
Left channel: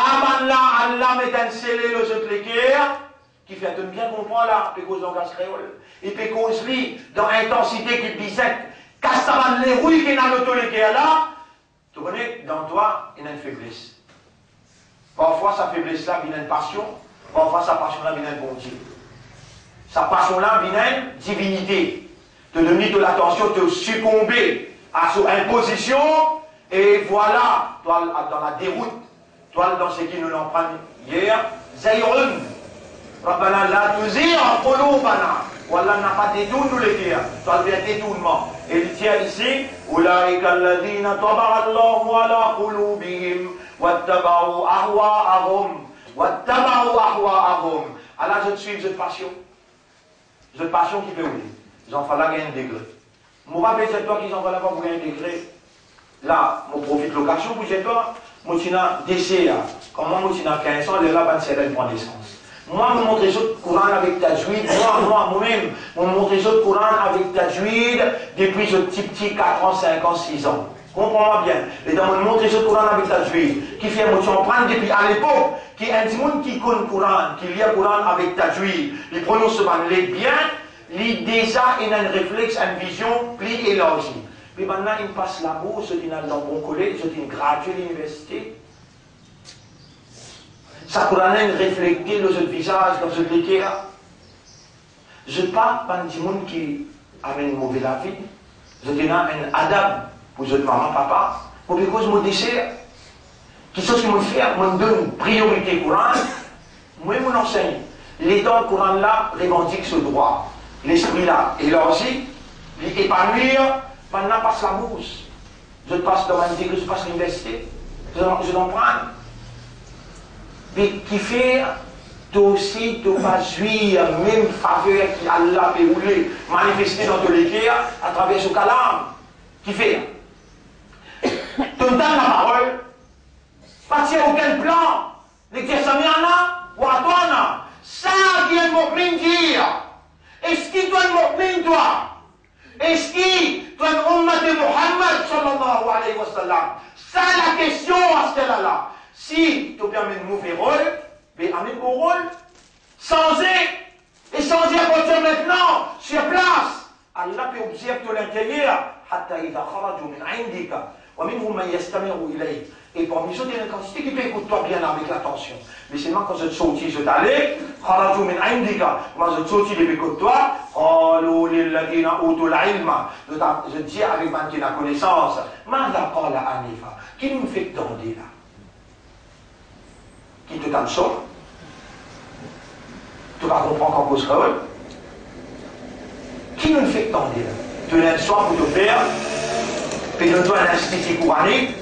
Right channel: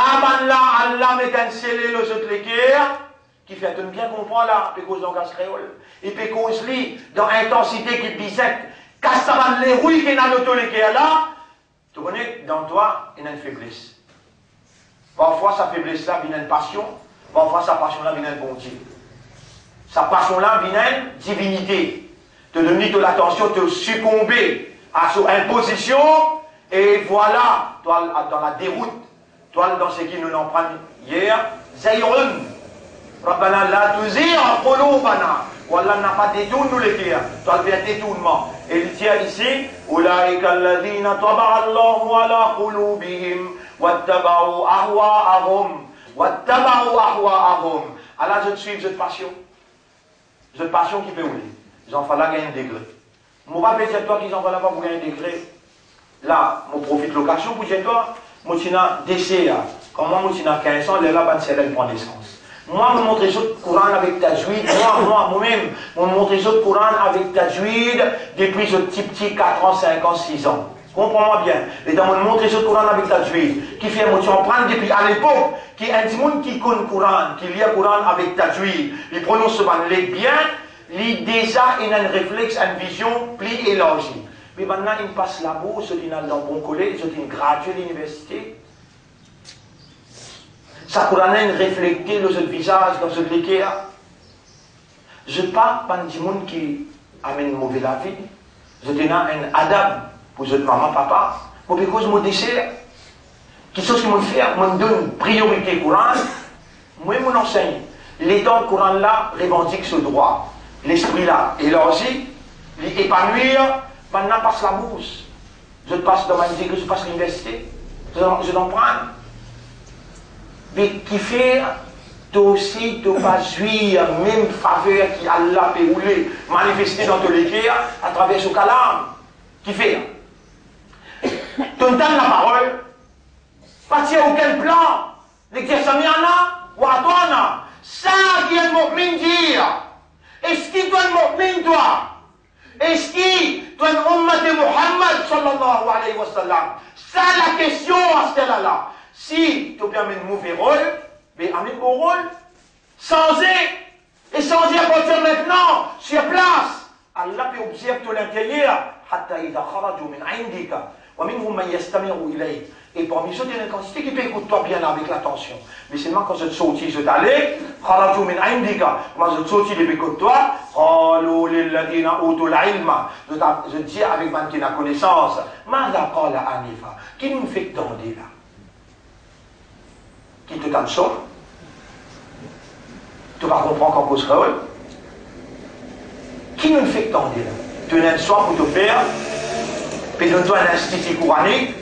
là, Allah met un scellé le jeu de l'équerre qui fait bien comprendre là, puis cause langage créole. Et puis cause lui dans intensité qui bisecte. Quand ça va les rouilles qui n'a l'auto l'équerre là, tu connais, dans toi, il y a une faiblesse. Parfois, sa faiblesse-là vient une passion. Parfois, sa passion-là vient une bonté. Sa passion-là vient une divinité. Te donner de l'attention, te succomber à son imposition. Et voilà, toi, dans la déroute, toi, dans ce qui nous l'en prend hier, Zayrun. Rabbana la tuzir qulubana. Wallah n'a pas détourné nous les dire. Toi, il y a détournement. Et il tient ici, Ulaika alladhina taba'a Allahu ala qulubihim. وَاتَّبَعُوا أَهْوَاءَهُمْ. Allah, je te suis, cette passion. Cette passion qui peut rouler. Ils en font là gagner un degré. Je ne vais pas dire toi qu'ils en font là pour gagner un degré. Là, je profite de l'occasion pour dire toi, je suis décès. Comment je suis 15 ans, là, elle prend naissance. Moi, je montre les autres Coran avec Tajwid. Moi-même, je montre les autres Coran avec Tajwid depuis ce petit 4 ans, 5 ans, 6 ans. Comprends-moi bien. Et dans mon montre le Coran avec Tajwid, qui fait mon prendre depuis à l'époque, qui est un petit monde qui connaît le Coran, qui lit le Coran avec Tajwid, il prononce ce les bien, il déjà il a un réflexe, une vision plus élargie. Mais maintenant il passe la bourse, il a dans bon collège, il gradué à l'université. Ça Coran reflété dans ce visage, dans ce équerre. Je parle pas du monde qui amène mauvais la vie. Je donne un adab. Pour votre maman, papa, pour que je me dessert, qui chose qui me fait, me donne priorité Coran, moi je m'enseigne. Les dents Coran là revendiquent ce droit. L'esprit là élargi, l'épanouir, maintenant passe la bourse. Je passe dans ma vie, je passe l'université, je n'en prends. Mais qui fait, toi aussi, tu vas jouir même faveur qui Allah peut rouler, manifester dans tous les cœurs à travers ce calame. Qui fait? Tu donnes la parole, partir à aucun plan, les Kesamiana ou à toi, ça qui est mon dire. Est-ce qu'il doit être toi? Est-ce qu'il doit être umma de Muhammad sallallahu alayhi wa sallam? C'est la question à ce là. Si tu as un mauvais rôle, mais amène bon rôle, changer, et changer à partir maintenant, sur place. Allah peut observer tout l'intérieur, حتى إذا خرجوا من عندك Et parmi ceux, il y a une quantité qui peut écouter toi bien avec l'attention. Mais seulement quand je te sortis, je t'allais, moi je te sortis depuis que toi, je dis avec man qui a connaissance, qui nous fait tendre là? Qui te donne ça? Tu vas comprendre qu'en cause rôle. Qui nous fait tendre là? Tu as un soir pour te faire, puis donne-toi un institut coranique.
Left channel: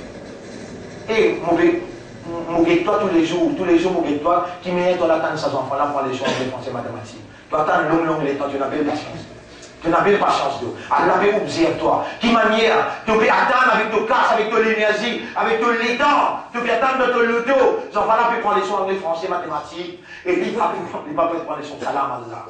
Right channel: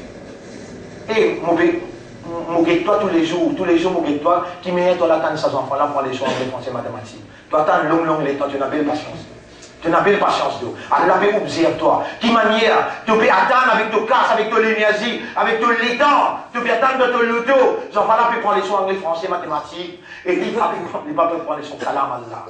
Et mon toi tous les jours, mon toi, qui mérite l'attendre ces enfants-là pour aller sur les français mathématiques. Tu attends long, les temps, tu n'as pas de patience. Tu n'as pas de patience. Allah peut observer toi. Qui manière, tu peux attendre avec ton casse, avec ton énergie, avec ton temps, tu peux attendre de ton loto. Les enfants-là peuvent prendre les soins anglais, français, mathématiques, et il va pas prendre les soins salam Allah.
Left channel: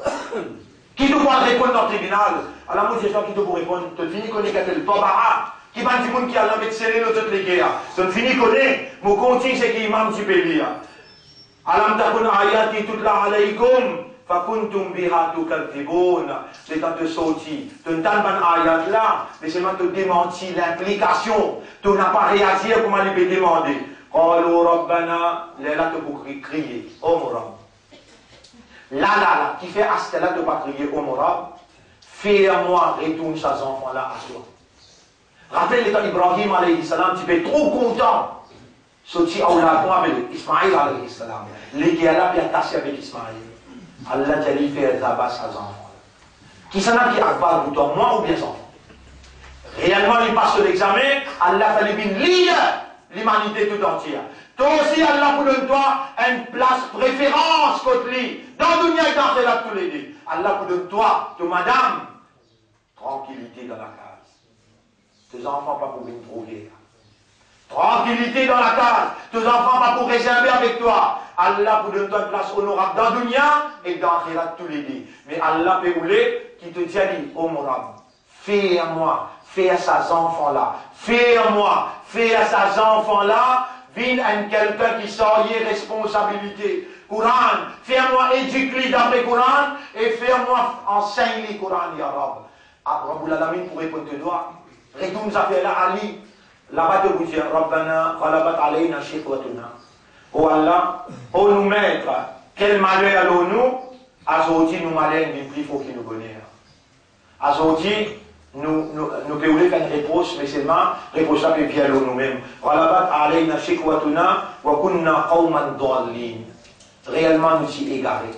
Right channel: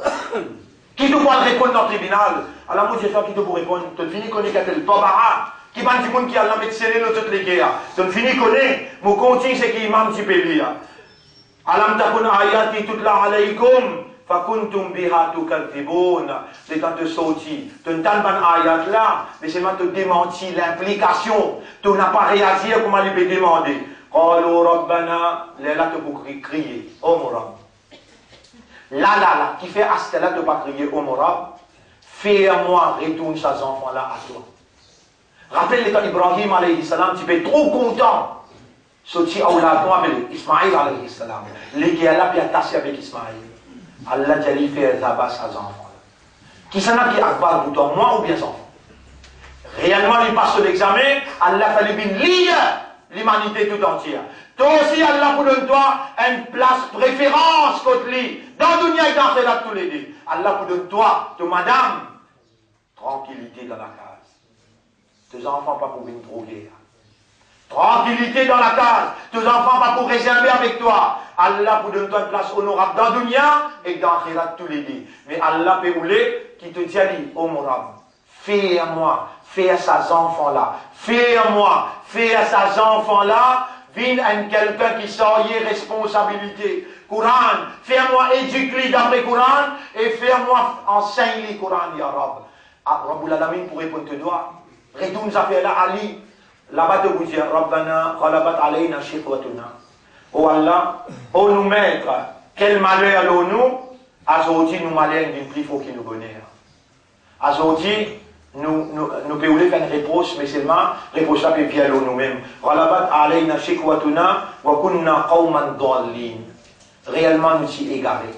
Qui te pourra répondre dans le tribunal? Allah, moi, je sais qui te pourra répondre. Tu finis qu'on est qu'à le Tobara. Qui m'a dit qui a la médecine de toutes les guerres. Je ne finis connaître. Mon continue c'est qui imam du pays. Alam takun ayati tutla alaykum. Fakuntum biha tukadhibun. C'est quand tu sortis. Tu ne t'en pas ayat là. Mais seulement te démentir l'implication. Tu n'as pas réagi à comment il peut demander. Qalu rabbana. Là tu peux crier. Oh mon Rabb. Là. Qui fait à ce là tu pas crier. Oh mon Rabb. Fais-moi retourner ces enfants là à toi. Rappelle les temps Ibrahim alayhi salam, tu es trop content. Sorti Aouladon avec Ismaïl alayhi salam. Les qui Allah puis attaché avec Ismaïl. Allah t'a dit faire tabac à ses enfants. Qui s'en a qui akbar pour toi, moi ou bien enfants? Réellement, il passe l'examen, Allah t'a dit lire l'humanité tout entière. Toi aussi, Allah vous donne toi une place préférence contre lui. Dans le dunya et dans la tous les deux. Allah vous donne toi, madame, tranquillité dans la case. Tes enfants pas pour venir droguer. Tranquillité dans la case. Tes enfants pas pour réserver avec toi. Allah vous donne une place honorable dans le dunya et dans l'akhirat tous les deux. Mais Allah peut rouler qui te dit, honorable. Fais à moi, fais à ces enfants-là. Fais à moi, fais à ces enfants-là. Viens à quelqu'un qui sort y responsabilité. Coran, fais à moi éduque-lui d'après Coran et fais à moi enseigne-lui Coran, ya Rab. Rabbul Alamin pour répondre te doigt. Retourne ça fait là Ali. Là-bas te vous dire Rabbana ghalabat alayna shiqwatuna. Oh Allah, oh nous maître, quel malheur allons-nous? Azoti nous malheur du prix faut qu'il nous bonheur. Azoti nous pouvons faire une réponse, mais seulement réponse ça peut bien nous-mêmes. Ghalabat alayna shiqwatuna wa kunna qawman dallin. Réellement nous sommes égarés.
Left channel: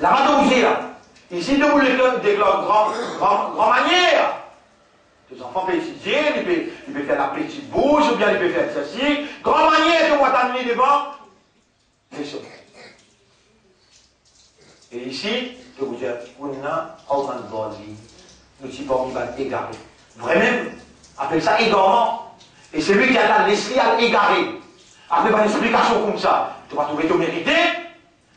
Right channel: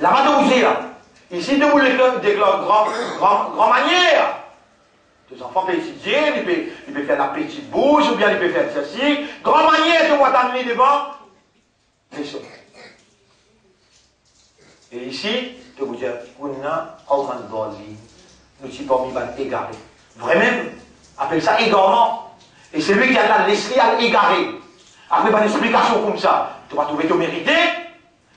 Là-bas te vous dire, ici de vous des grand manière. Les enfants peuvent étudier, ils peuvent faire la petite bouche, ou bien ils peuvent faire ceci. Grand manière de moi t'amener devant. C'est ça. Et ici, je vous dis, on a nous sommes parmi les égarés. Vraiment, appelle ça égarement. Et c'est lui qui a l'esprit à l'égarer. Après une explication comme ça, tu vas trouver ton mérité.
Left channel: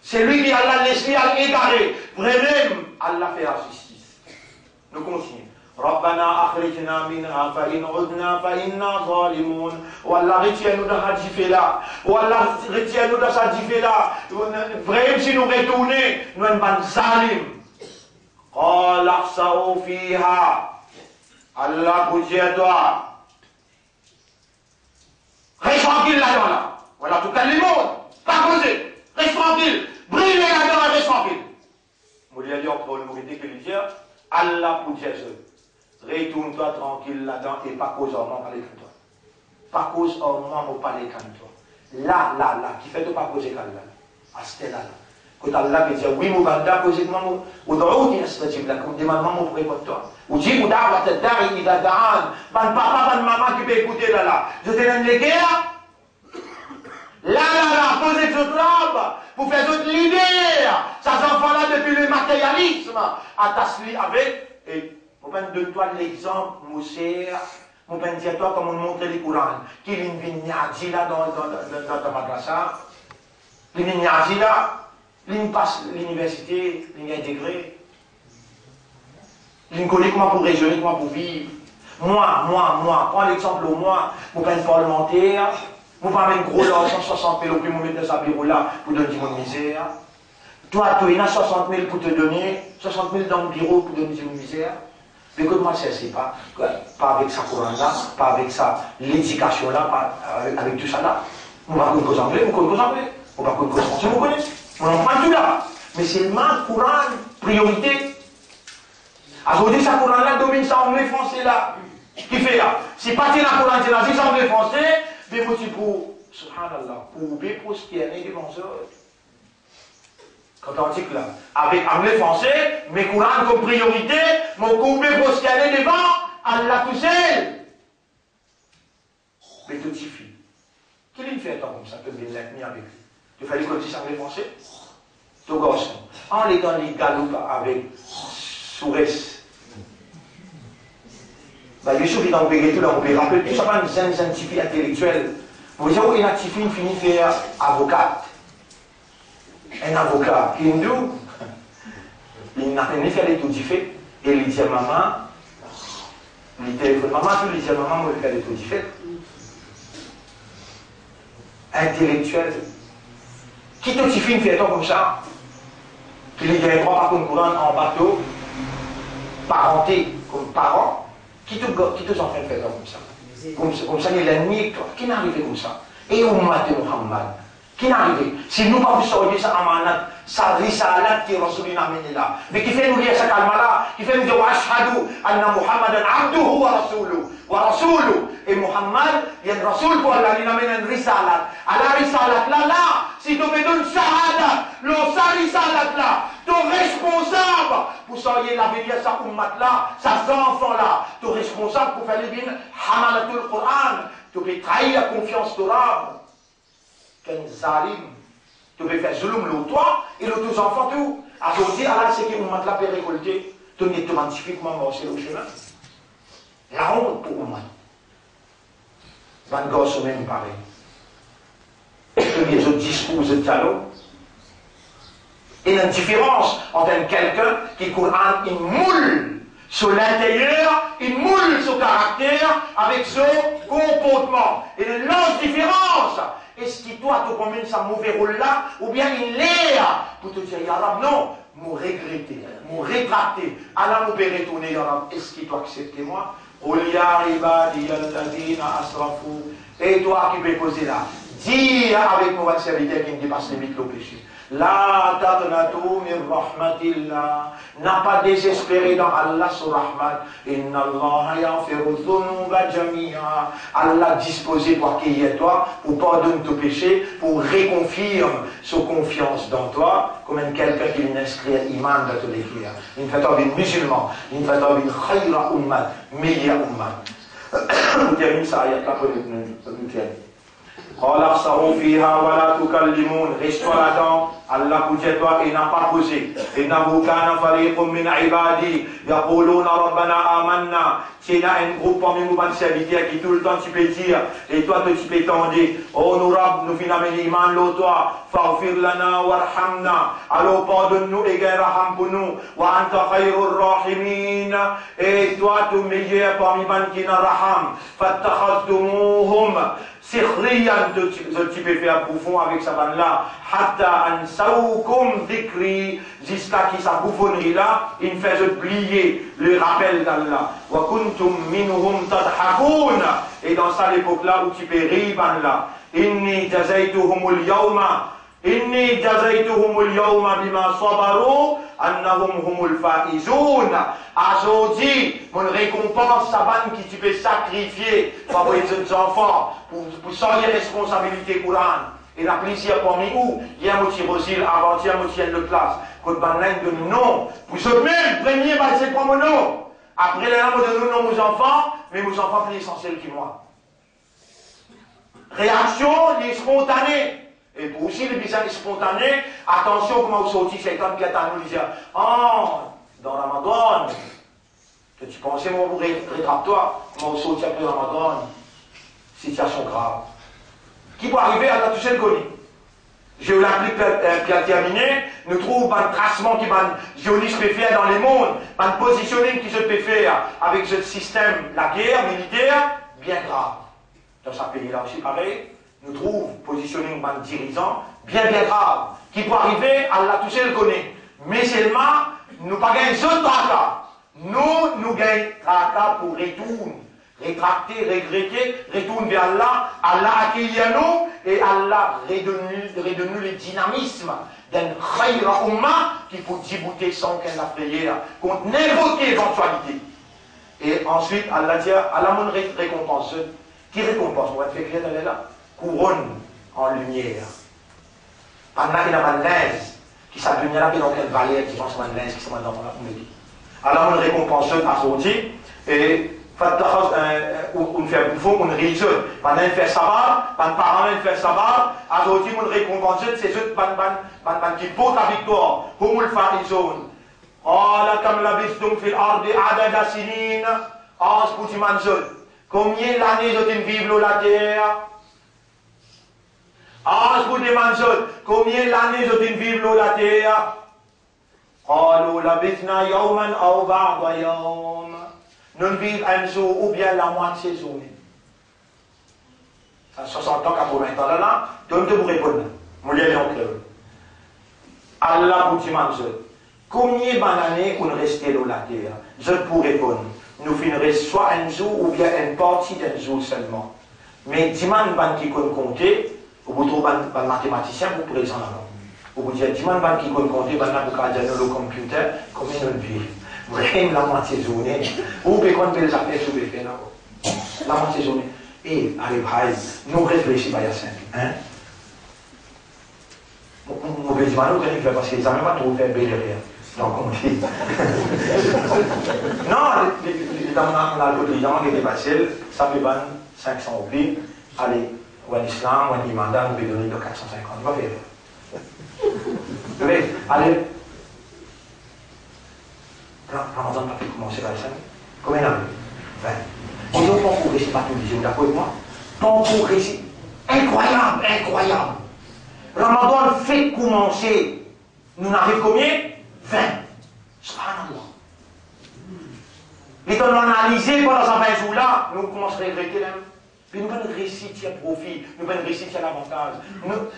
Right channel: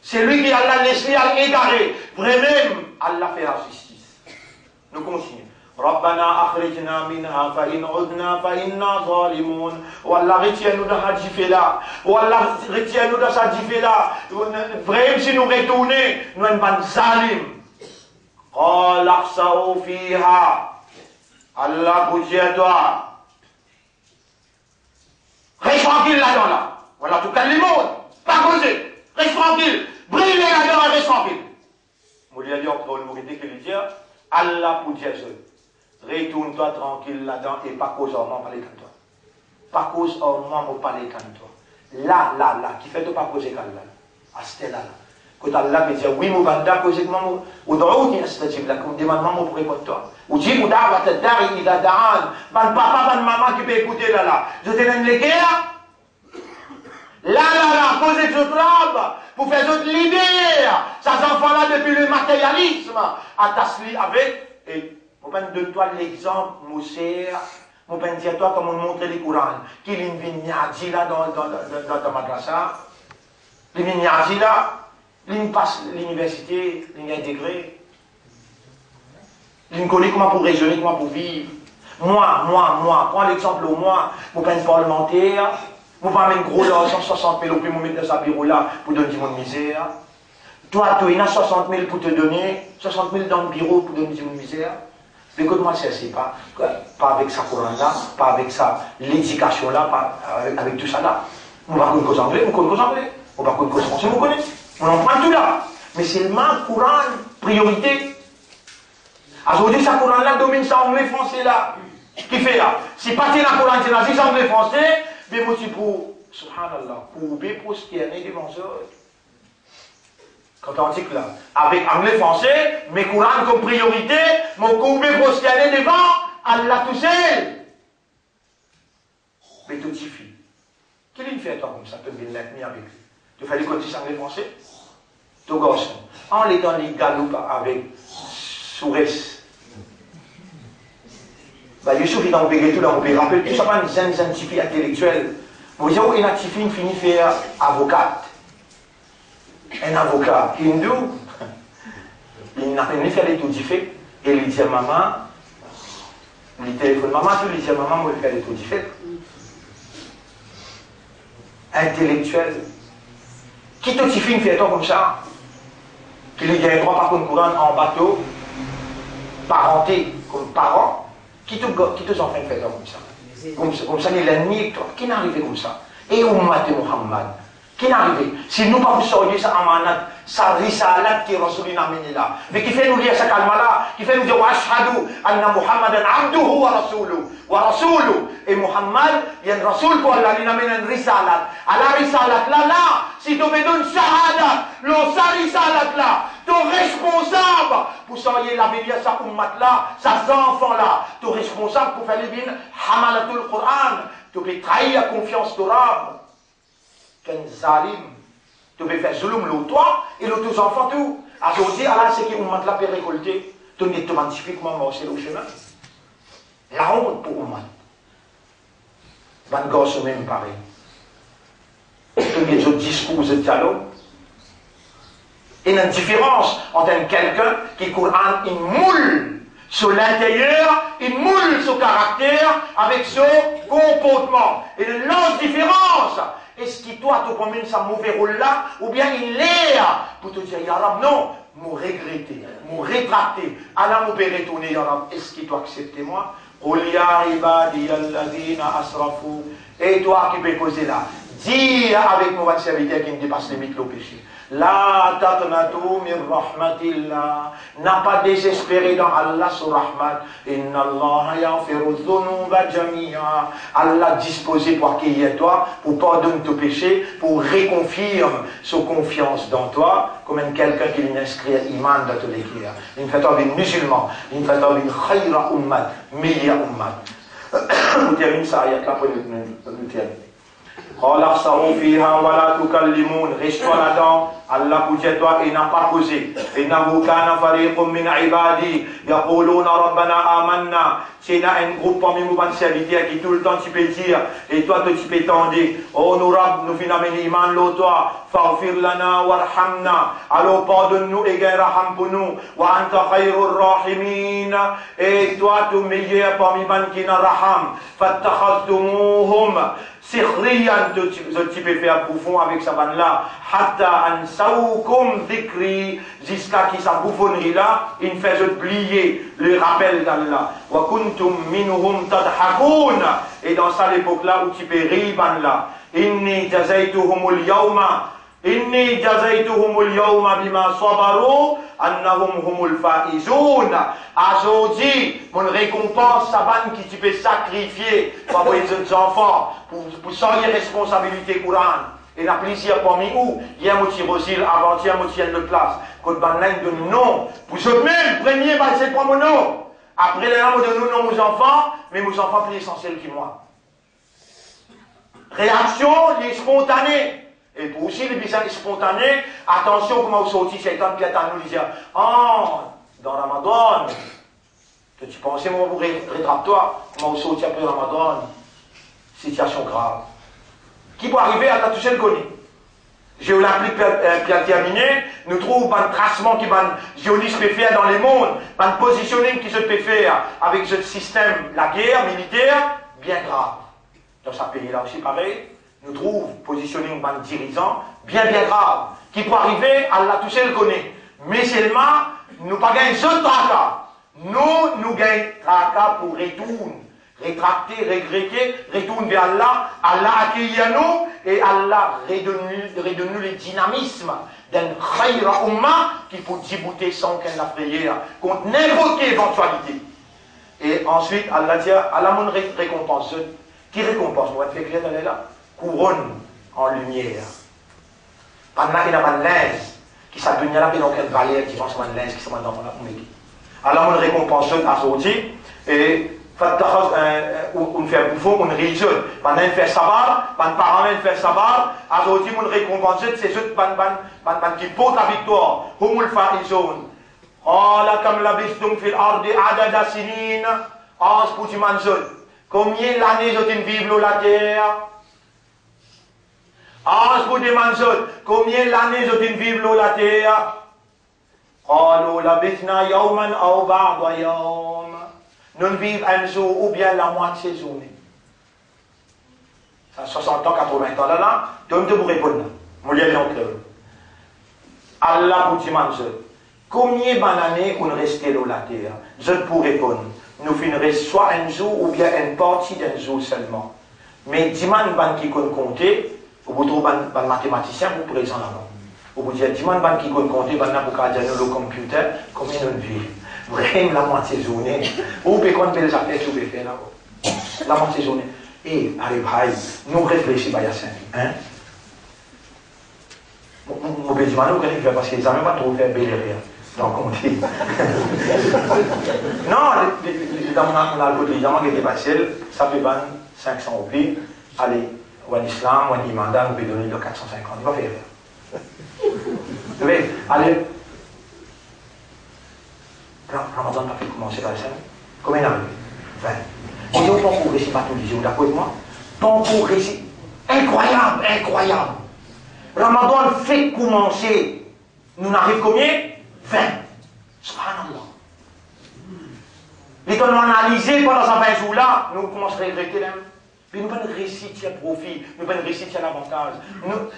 C'est lui qui a l'esprit à l'égarer. Vraiment, Allah fait la justice. Nous continuons. ربنا أخرجنا منها فإن عدنا فإنا ظالمون والله retiens-nous dans cette difficulté-là والله retiens-nous dans cette difficulté-là vraiment si nous retournons nous sommes pas zalim قال اخسئوا فيها Allah vous dit à toi reste tranquille là-dedans là voilà tout cas le monde pas causer reste tranquille brille là-dedans reste tranquille vous lui avez dit encore une vérité que lui dire Allah vous dit à toi retourne-toi tranquille là-dedans et pas cause au moment parler comme toi. Pas cause au moment parler comme toi. Là, qui fait de pas causer comme là. À ce là. Quand Allah peut dire, oui, mon banda causer comme moi, ou dans l'autre, il se dit, là, comme demande maman pour répondre toi. Ou dit, ou d'avoir tête d'arrêt, il a d'arrêt, ban papa, ban maman qui peut écouter là. Je te donne les guerres. Là, posez ce trouble, pour faire d'autres libérer. Ces enfants-là, depuis le matérialisme, attache-lui avec, et mon père donne-toi l'exemple, mon cher. Mon père dit à toi comment on montre les Courans. Qui est une vignadi là dans ta madrasa. Les vignadi là, il passe l'université, il a intégré. Il connaît comment pour raisonner, comment pour vivre. Moi, prends l'exemple au moi, mon père parlementaire. Mon père met un gros là, 160 000 au plus, mon mettre dans sa bureau là pour donner du monde misère. Toi, il y a 60 000 pour te donner, 60 000 dans le bureau pour donner du monde misère. Mais que moi, c'est pas avec sa couronne là, pas avec sa l'éducation là, pas avec tout ça là. Nous ne connaissons pas anglais, nous connaissons anglais. On ne connaît pas français, vous connaissez. On en prend tout là. Mais c'est le même courant, priorité. Aujourd'hui, sa couronne là domine ça anglais, français là. Qui fait là? Si pas la couronne, c'est là, si c'est anglais, français, mais moi, tu pour, subhanallah, pour prospérer devant ça. Quand on dit que là, avec anglais français, mes courants comme priorité, mon coupé prosterné devant, Allah tout seul. Mais tout suffit. Quel est fait comme ça, que bien l'être mis avec lui? Tu fallait qu'on dise anglais français? Tout gosse. En les dans les galoupes avec souresse. Bah, Youssouf, il a opéré tout là, on peut rappeler tout ça, pas une scientifique intellectuelle. Vous dites, oh, une activité finit faire avocate. Un avocat hindou, il n'a rien fait les tout fait, et il dit à maman, il téléphone maman, il dit à maman, moi je fais les tout fait. Intellectuel. Qui te fait une fête comme ça? Qui lui gagne droit par contre courant en bateau, parenté comme parent, qui te en fait une fête comme ça? Comme ça, il est l'ennemi, qui n'est arrivé comme ça? Et Ummat Muhammad. Qui n'est arrivé? Si nous ne pas sortir ça amanat, ça risalat qui Rasulina menila. Mais qui fait nous lire ça kalma-là, qui fait nous dire wa ashhadu anna Muhammadan abduhu wa rasuluhu. Wa rasuluhu. Et Muhammad, il y a un rasoul pour Allah, il amène un risalat. À la risalat là, si tu me donnes shahada, le sa risalat là, tu es responsable pour sortir la bénédiction ça ummat là, ça enfants là, tu es responsable pour faire les bines, hamalatul Qur'an, tu peux trahir la confiance de l'âme. Qu'un zalim, tu peux faire zulum le toi et le tous enfants tout. Aujourd'hui, Allah, c'est qu'il m'a la récolté, tu n'es pas magnifiquement mort, c'est le chemin. La honte pour Ummat. Van gosse même pareil. Les autres discours de dialogue. Et il y a une différence entre quelqu'un qui Coran, il moule sur l'intérieur, il moule son caractère avec son comportement. Et il y a une large différence. Est-ce qu'il doit te promène sa mauvais rôle là, ou bien il est pour te dire, Ya Rab, non, me regretter, me rétracter, Allah me retourner, Ya Rab, est-ce qu'il doit accepter moi? Et toi qui peux poser là, dis avec mon serviteur qui me dépasse les limites le péché. La taqnatu min rahmatillah. N'a pas désespéré dans Allah sur rahmat. Inna Allah yaghfiru dhunuba jami'a. Allah disposé pour accueillir toi, pour pardonner tes péchés, pour réconfirmer sa confiance dans toi, comme quelqu'un qui l'inscrit à l'iman de tous les cœurs. Il fait un musulman, il fait un khayra ummat, meilleure ummat. On termine ça, il y a qu'à pour nous terminer. قال اخسروا فيها ولا تكلمون reste-toi là-dedans Allah vous dit toi il n'a pas posé إنه كان فريق من عبادي يقولون ربنا آمنا c'est là un groupe parmi nous van serviteurs qui tout le temps tu peux dire et toi tu peux t'en dire oh nous Rab nous finamène iman lo toi faghfir lana warhamna alors pardonne-nous et gagne raham pour nous wa anta khayrur rahimin et toi tu meilleur parmi van qui n'a raham fattakhadtumuhum sikhriyan tu peux faire bouffon avec sa vanne là hatta ansaukum dhikri jusqu'à qui sa bouffonnerie là il fait oublier le rappel d'Allah wa kuntum minhum tadhakun et dans ça l'époque là où tu peux rire là inni jazaituhumul yawma bima sabaru annahum humul faizun. Aujourd'hui mon récompense sa vanne qui tu peux sacrifier pour les enfants pour sans les responsabilités courantes. Et la plaisir parmi où, hier, moi, je suis avant-hier, moi, je suis de classe. Quand on donne non, vous êtes même, premier, c'est pas mon nom. Après, les gens donnent non aux enfants, mais aux enfants plus essentiels que moi. Réaction, les spontanés. Et pour aussi les bizarres spontanés, attention, comment vous sortez, c'est quand Piatan nous disait, oh, dans Ramadan, tu pensais, moi, vous rétracte-toi, comment vous sortez après Ramadan, situation grave. Qui peut arriver à la toucher le connu. Géolympique bien terminé, nous trouvons un tracement qui va géoliste peut faire dans les mondes, un positioning qui se peut faire avec ce système, la guerre militaire, bien grave. Dans ce pays-là aussi pareil, nous trouvons positionning d'un dirigeant, bien grave, qui peut arriver à la toucher le connu. Mais seulement, nous pas gagner ce tracas. Nous gagnons Raka pour retourner, rétracter, regretter, retourner vers Allah, Allah accueille nous et Allah redonne nous le dynamisme d'un khayra umma qui peut débouter sans qu'elle la prière contre n'importe quelle éventualité. Et ensuite, Allah dit, Allah mon récompense. Qui récompense? On va te faire clair dans là. Couronne en lumière. Pendant qu'il n'y a pas de linge, qui s'appelle là, qui est dans quelle valeur, qui sont de linge, qui sont dans la comédie. Allah mon récompense à sortir et on fait un bouffon, on réalise. Pendant qu'il fait sabbat, pendant que parents fait sabbat, à sortir, on récompense, c'est ceux qui portent la victoire. Humul faizun. Allah comme la bistum fil ardi adada sinin. As pour tu manges. Combien d'années je vivre la terre? As pour tu manges. Combien d'années je vivre la terre? قالوا لبثنا يوما أو بعض يوم. Nous vivons un jour ou bien la moitié journée. Ça 60 ans, 80 ans là, donc vous répondre. Mon lien est en clair. Allah pour tu manges. Combien d'années on reste là la terre? Je pourrais répondre. Nous finirons soit un jour ou bien une partie d'un jour seulement. Mais dimanche qui compte compter, vous trouvez un mathématicien vous présent là-bas. Vous dites dimanche qui compte compter, vous avez le computer, combien nous vivons? Vraiment la moitié journée. Vous pouvez compter les affaires que vous pouvez faire là-bas. La moitié journée. Et allez, nous réfléchissons à ça. Hein? Mon petit manou, quand il fait parce qu'ils n'ont même pas trop fait belle rien. Donc on dit. Non, dans l'autre gens qui était facile, ça fait 500 roupies. Allez, ou en islam, ou en imanda, nous pouvons donner de 450. Il va faire. Mais, allez. Ramadan n'a pas fait commencer par ça. Combien d'années? 20. Et donc, ton cours récit, pas tout le disons, d'accord avec moi? Ton cours récit, incroyable, incroyable. Ramadan fait commencer. Nous n'arrivons combien? 20. Subhanallah. Et quand on analyse pendant ces 20 jours-là, nous commençons à regretter même. Mais nous ne pouvons pas réciter à profit, nous ne pouvons pas réciter à l'avantage.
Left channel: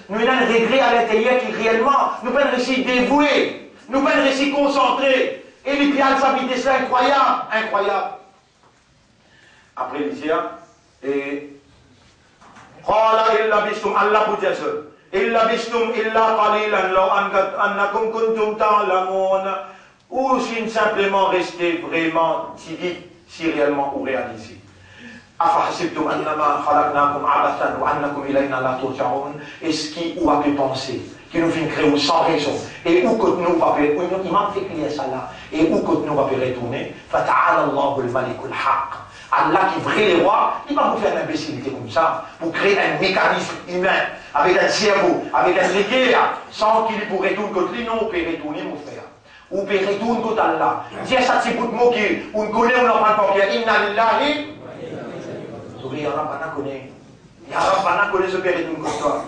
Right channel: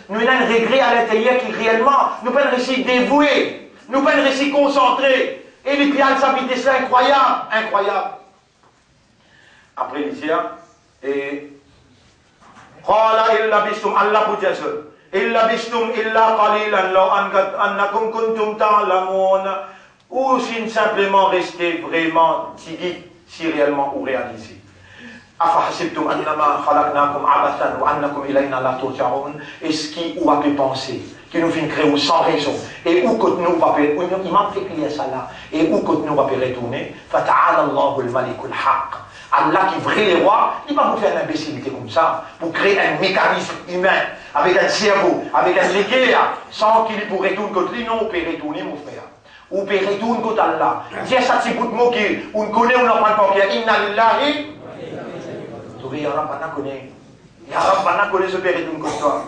Nous avons un regret à l'intérieur qui réellement, nous ne pouvons pas réciter dévoué, nous ne pouvons pas réciter concentré. Et les pieds de s'habiter, c'est incroyable, incroyable. Après les dire, et قال إلا بستم الله بجسر إلا بستم إلا قليلا لو أنكم كنتم تعلمون ou si simplement rester vraiment timide si réellement ou réalisé. أفحسبتم أنما خلقناكم عبثا وأنكم إلينا لا ترجعون. Est-ce qui ou a pu penser que nous finissons créer sans raison et où que nous va faire, il m'a fait crier ça là et où que nous va faire retourner. فتعالى الله الملك الحق. Allah qui vrai les rois, il va vous faire une imbécilité comme ça, pour créer un mécanisme humain, avec un cerveau, avec un léguère, sans qu'il pourrait retourner contre lui, non, on peut retourner, mon frère. On peut retourner contre Allah. Tiens, ça, c'est pour te moquer, on connaît, on n'en prend pas, inna lillahi. Vous voyez, Rabbana connaît. Rabbana connaît ce père retourne contre toi.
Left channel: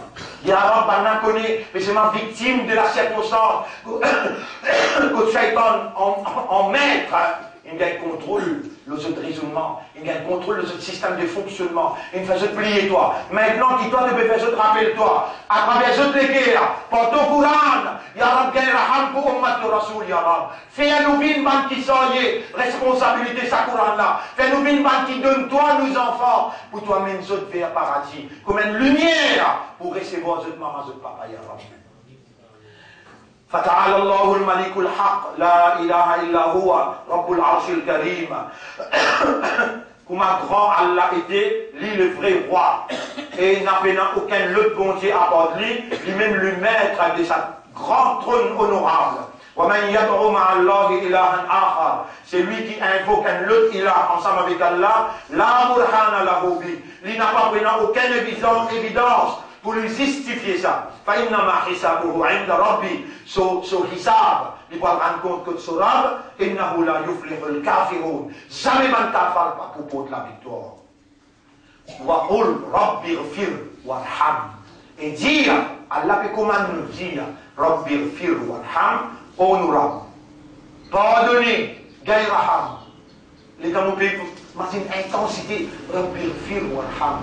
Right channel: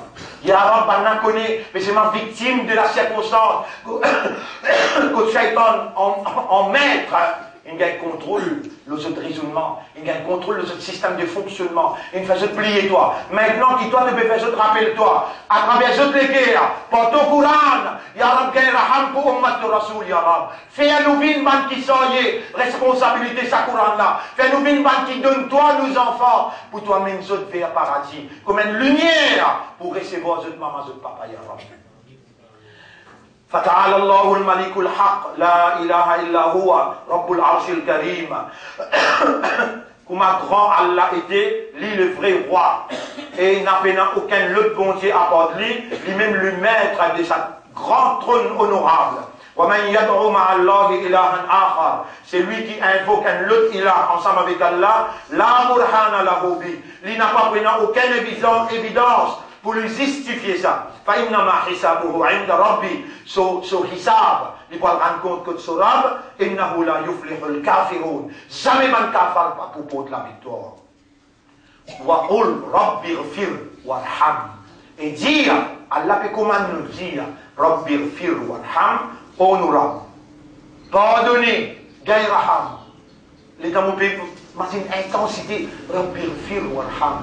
Rabbana connaît, mais c'est ma victime de la circonstance. Que Shaitan en maître. Il y a un contrôle, le raisonnement, il y a un contrôle, le système de fonctionnement. Il fait plier toi. Maintenant, qui toi, tu peux faire, rappelle-toi, à travers ce guerre, par ton Coran, Ya Rab, Raham, pour Ummat Rasoul, Ya Rab. Fais-nous une bande qui soyez, responsabilité, sa Coran là. Fais-nous une bande qui donne toi, nos enfants, pour toi-même, zot vers paradis. Comme une lumière pour recevoir zot maman, zot papa, Ya Rab. فتعالى الله الملك الحق لا إله إلا هو رب العرش الكريم. Comment grand Allah était, lui le vrai roi, et il n'a aucun autre bon Dieu à part lui, lui-même le maître de sa grande trône honorable. ومن يدعو مع الله إلها آخر. C'est lui qui invoque un autre ilah ensemble avec Allah. لا برهان له به. Il n'a pas pris aucune évidence pour lui justifier ça. فإنما حسابه عند ربي. So hisab, il va rendre compte que ce rab, إنه لا يفلح الكافرون. Jamais man kafar pas pour la victoire. وقل رب اغفر وارحم. Et dire, Allah peut comment nous dire, رب اغفر وارحم, honorable. Pardonner, gayraham. Les temps où on peut, une intensité, رب اغفر وارحم.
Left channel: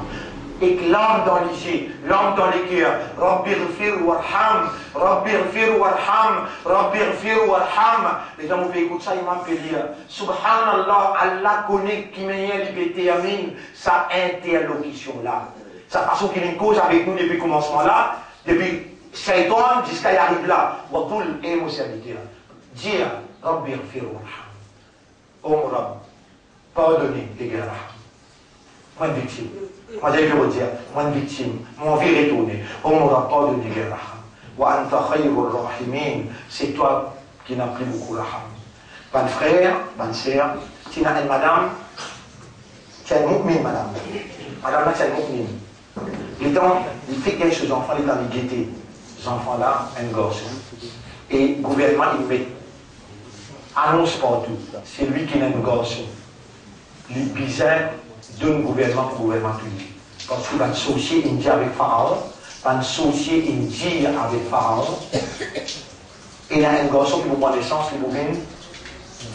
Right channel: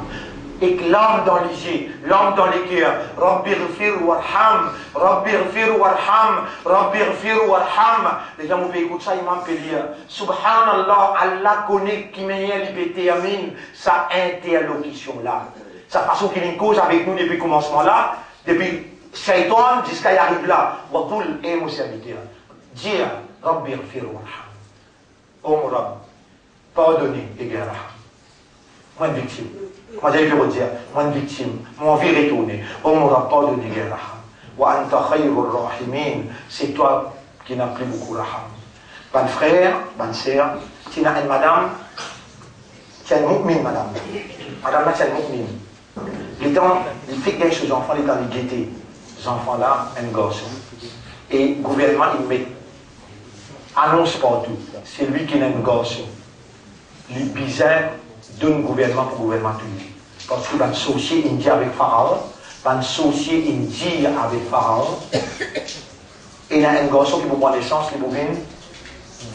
et que l'âme dans les yeux, l'âme dans les cœurs. Rabbi ghfir warham, Rabbi ghfir warham, Rabbi ghfir warham. Les gens m'ont écouté ça, ils m'ont fait dire Subhanallah, Allah connaît qui m'a détermine sa interlocution-là. Sa façon qu'il y a une cause avec nous depuis le commencement là, depuis Shaitan jusqu'à y arriver là. Wakoul et mon serviteur. Dire Rabbi ghfir warham. Oh mon Rab, pardonnez les gars. Moi une victime. Moi j'allais vous dire, moi une victime. Moi envie de retourner. Oh mon Rab, pardonnez les gars. Wa anta khayrul rahimin. C'est toi qui n'as plus beaucoup raham. Bonne frère, bonne sœur, tu n'as une madame, tu as une mu'min madame. Madame là, tu as une mu'min. Les temps, il fait quelque chose, les enfants, les temps, ils guettent. Les enfants là, un gosse. Et le gouvernement, il met annonce partout. C'est lui qui est un gosse. Le bizarre d'un gouvernement pour gouvernement public. Parce qu'il va associer Indien avec Pharaon, va associer Indien avec Pharaon. Et il y a un garçon qui vous prend naissance, qui vous vient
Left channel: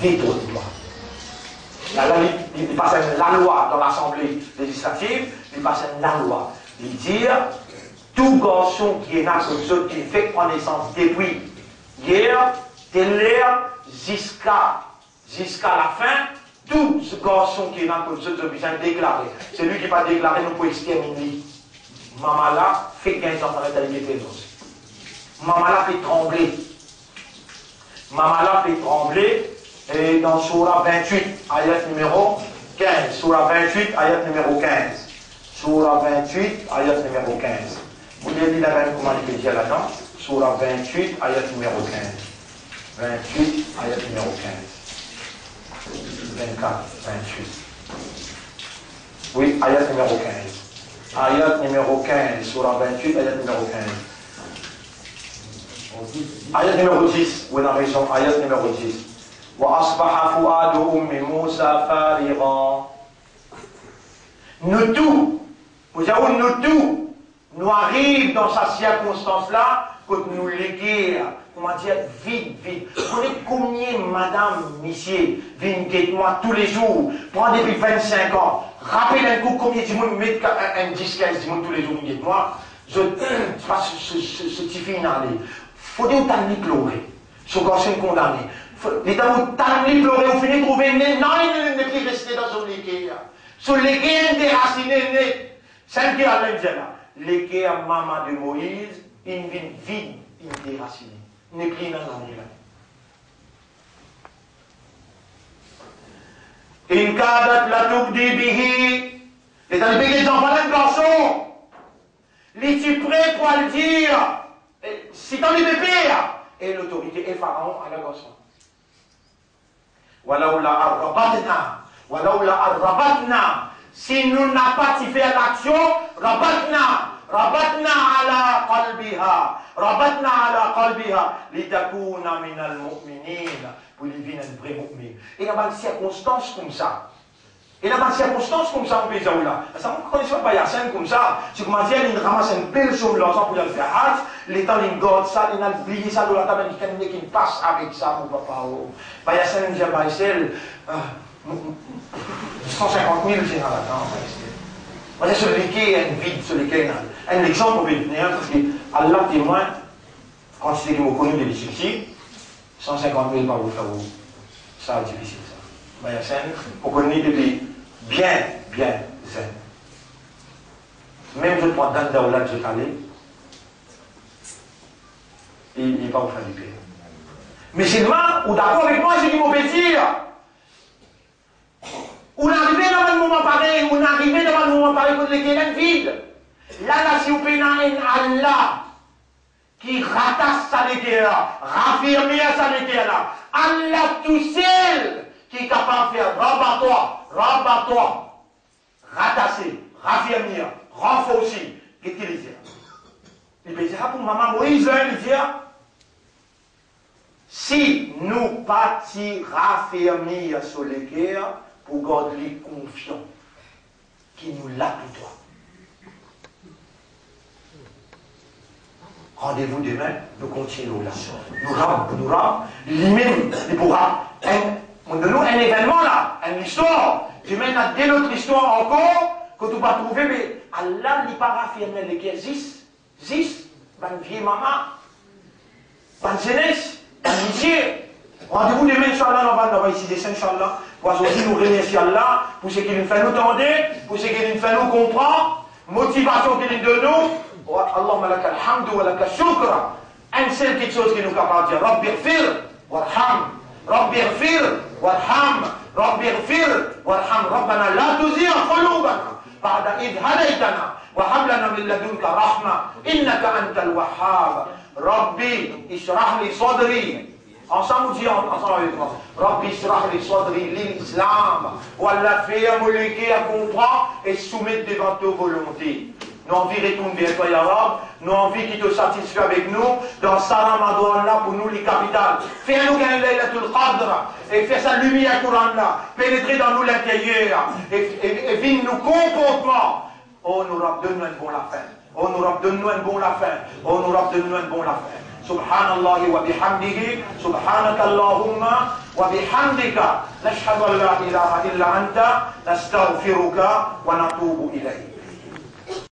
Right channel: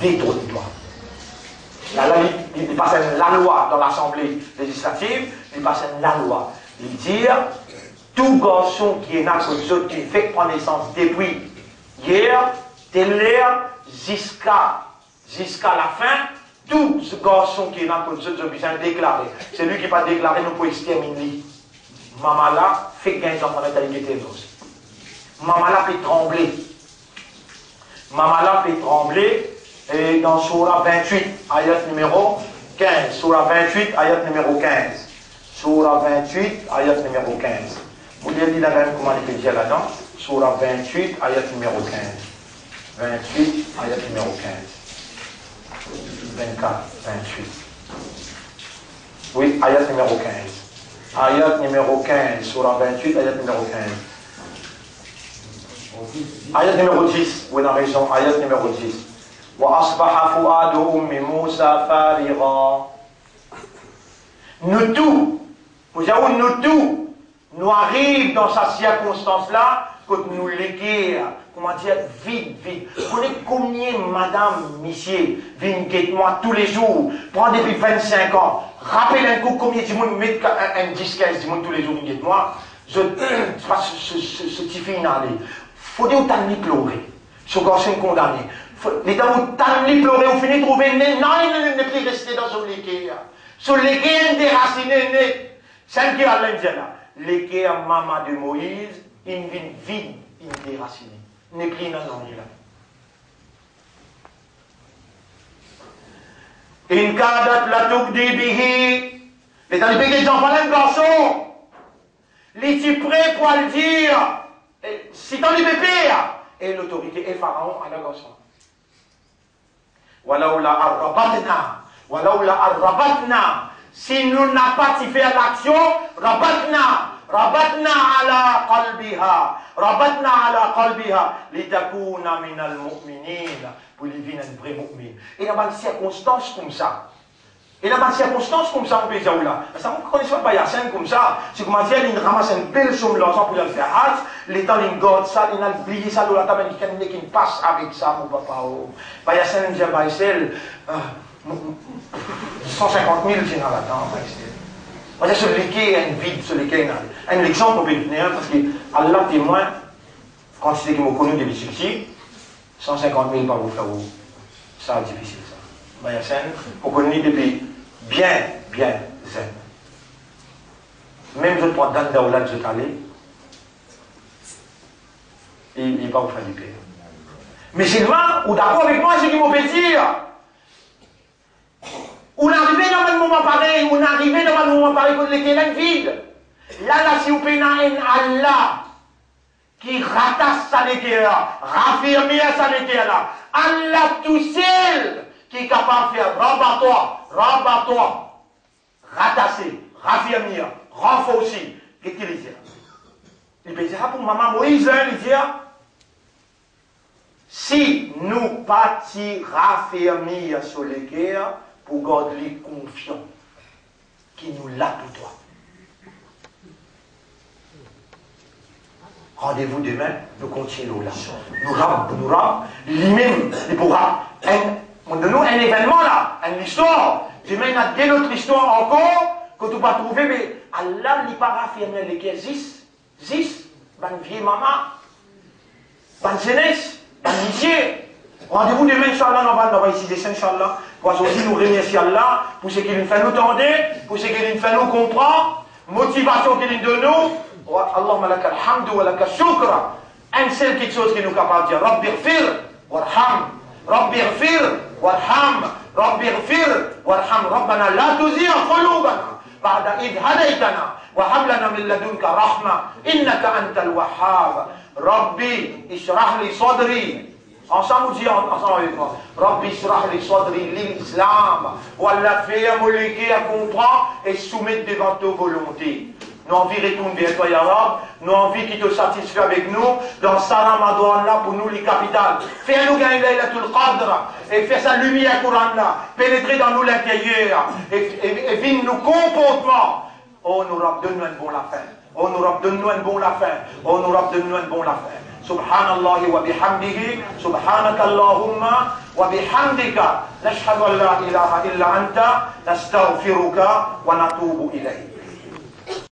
détruire le droit. Là, il passe la loi dans l'Assemblée législative, il passe la loi. Il dit, tout garçon qui est né comme qui fait prendre naissance depuis hier, de l'heure, jusqu'à la fin, tout ce garçon qui est dans le jeu de besoin déclaré. C'est lui qui va déclarer, nous pouvons exterminer. Maman là, fait gagner son mentalité. Maman là fait trembler. Maman là fait trembler. Et dans Surah 28, ayat numéro 15. Surah 28, ayat numéro 15. Surah 28, ayat numéro 15. Vous voulez lire la même comment il peut dire là-dedans? Surah 28, ayat numéro 15. 28, ayat numéro 15. 24, 28. Oui, ayat numéro 15. Ayat numéro 15, surah 28, ayat numéro 15. Ayat numéro 10, oui, on a raison, ayat numéro 10. Wa asbaha fuadu ummi Musa farigha. Nous tous, nous arrivons dans cette circonstance-là, que nous léguons, comment dire, vite. Vous connaissez combien madame, monsieur, viennent guetter moi tous les jours, prendre depuis 25 ans, rappelle un coup combien de monde met un 10-15 monde tous les jours, guette moi, je passe ce petit final. Faut dire où t'as mis pleurer, ce garçon condamné. Les temps où t'as mis pleurer, vous finissez de trouver, non, il n'est plus resté dans son légué. Son légué déraciné, c'est qui a l'Indien. Légué à maman de Moïse, une vie vide, une déracinée. N'est plus dans l'anglais. In kadat la tubdi bihi. Les talibés qui ont parlé de garçon. Les tu prêt pour le dire. Si dans les bébés. Et l'autorité est Pharaon à la garçon. Walaoula arrabatna. Walaoula arrabatna. Si nous n'avons pas fait l'action, rabatna. ربطنا على قلبها ربطنا على قلبها لتكون من المؤمنين pour les vivre un vrai mu'min. Et dans une circonstance comme ça, on peut dire là, ça ne connaît pas la scène comme ça, c'est comme dire, il ramasse une belle somme d'argent pour le faire hâte, les temps il garde ça, il a oublié ça dans la table, il passe avec ça, mon papa. Bah, il y a scène, j'ai pas 150 000, c'est dans la table. C'est celui qui est un vide, celui qui est un exemple pour venir, parce que Allah témoin, quand c'est qu'il m'a connu de difficultés, 150 000 par vous faire où? Ça c'est difficile ça. Mais il y a scène, on connaît depuis bien zen. Même je prends dans Daoula que je t'allais, il n'est pas vous faire du paix. Mais seulement, ou d'accord avec moi, c'est qu'il m'a fait dire. On est arrivé dans un moment pareil, quand les guénènes vides. Là, si vous prenez un Allah qui ratasse sa guerre, raffirme sa guerre, Allah tout seul qui est capable de faire rabat-toi, ratasser, raffirmer, renforcer. Qu'est-ce qu'il dit? Il peut dire pour maman Moïse, il dit si nous partis raffirmer sur les guerres, pour garder les confiants qui nous l'a pour toi. Rendez-vous demain, nous continuons là. Nous rap, lui-même, il pourra. Nous un événement là, une histoire. Demain, il y a d'autres histoires encore, que tu vas trouver, mais Allah n'est pas affirmé les qui existent. Ban vieille maman, ban jeunesse, ban métier. Rendez-vous demain, Inch'Allah, on va ici descendre, Inch'Allah. Pour aussi nous remercier Allah pour ce qu'il nous fait nous tendre, pour ce qu'il nous fait nous comprendre, motivation qu'il nous donne nous. Allahumma laka alhamdu wa laka shukra. Un seul quelque chose qui nous est capable de dire, Rabbi ighfir warham, Rabbi ighfir warham, Rabbi ighfir warham, Rabbana la tuzigh qulubana ba'da idh hadaytana wa hab lana min ladunka rahma innaka antal wahhab. Rabbi ishrah li sadri. Ensemble, on dit ensemble avec moi. Rabbi ishrah li sadri l'islam. Wallah fait moliki à comprendre et soumettre devant ta volonté. Nous envie de retourner vers toi, Ya Rab. Nous envie qui te satisfait avec nous. Dans sa Ramadan là, pour nous, les capitales. Fais-nous gagner Laylatul Qadr. Et fais sa lumière Coran là. Pénétrer dans nous l'intérieur. Et viens nous comportement. Oh, nous Rab, donne-nous un bon la fin. Oh, nous Rab, donne-nous un bon la fin. Oh, nous Rab, donne-nous un bon la fin. Subhanallah wa bihamdihi, subhanaka Allahumma wa bihamdika, nashhadu an la ilaha illa anta, nastaghfiruka wa natubu ilayk.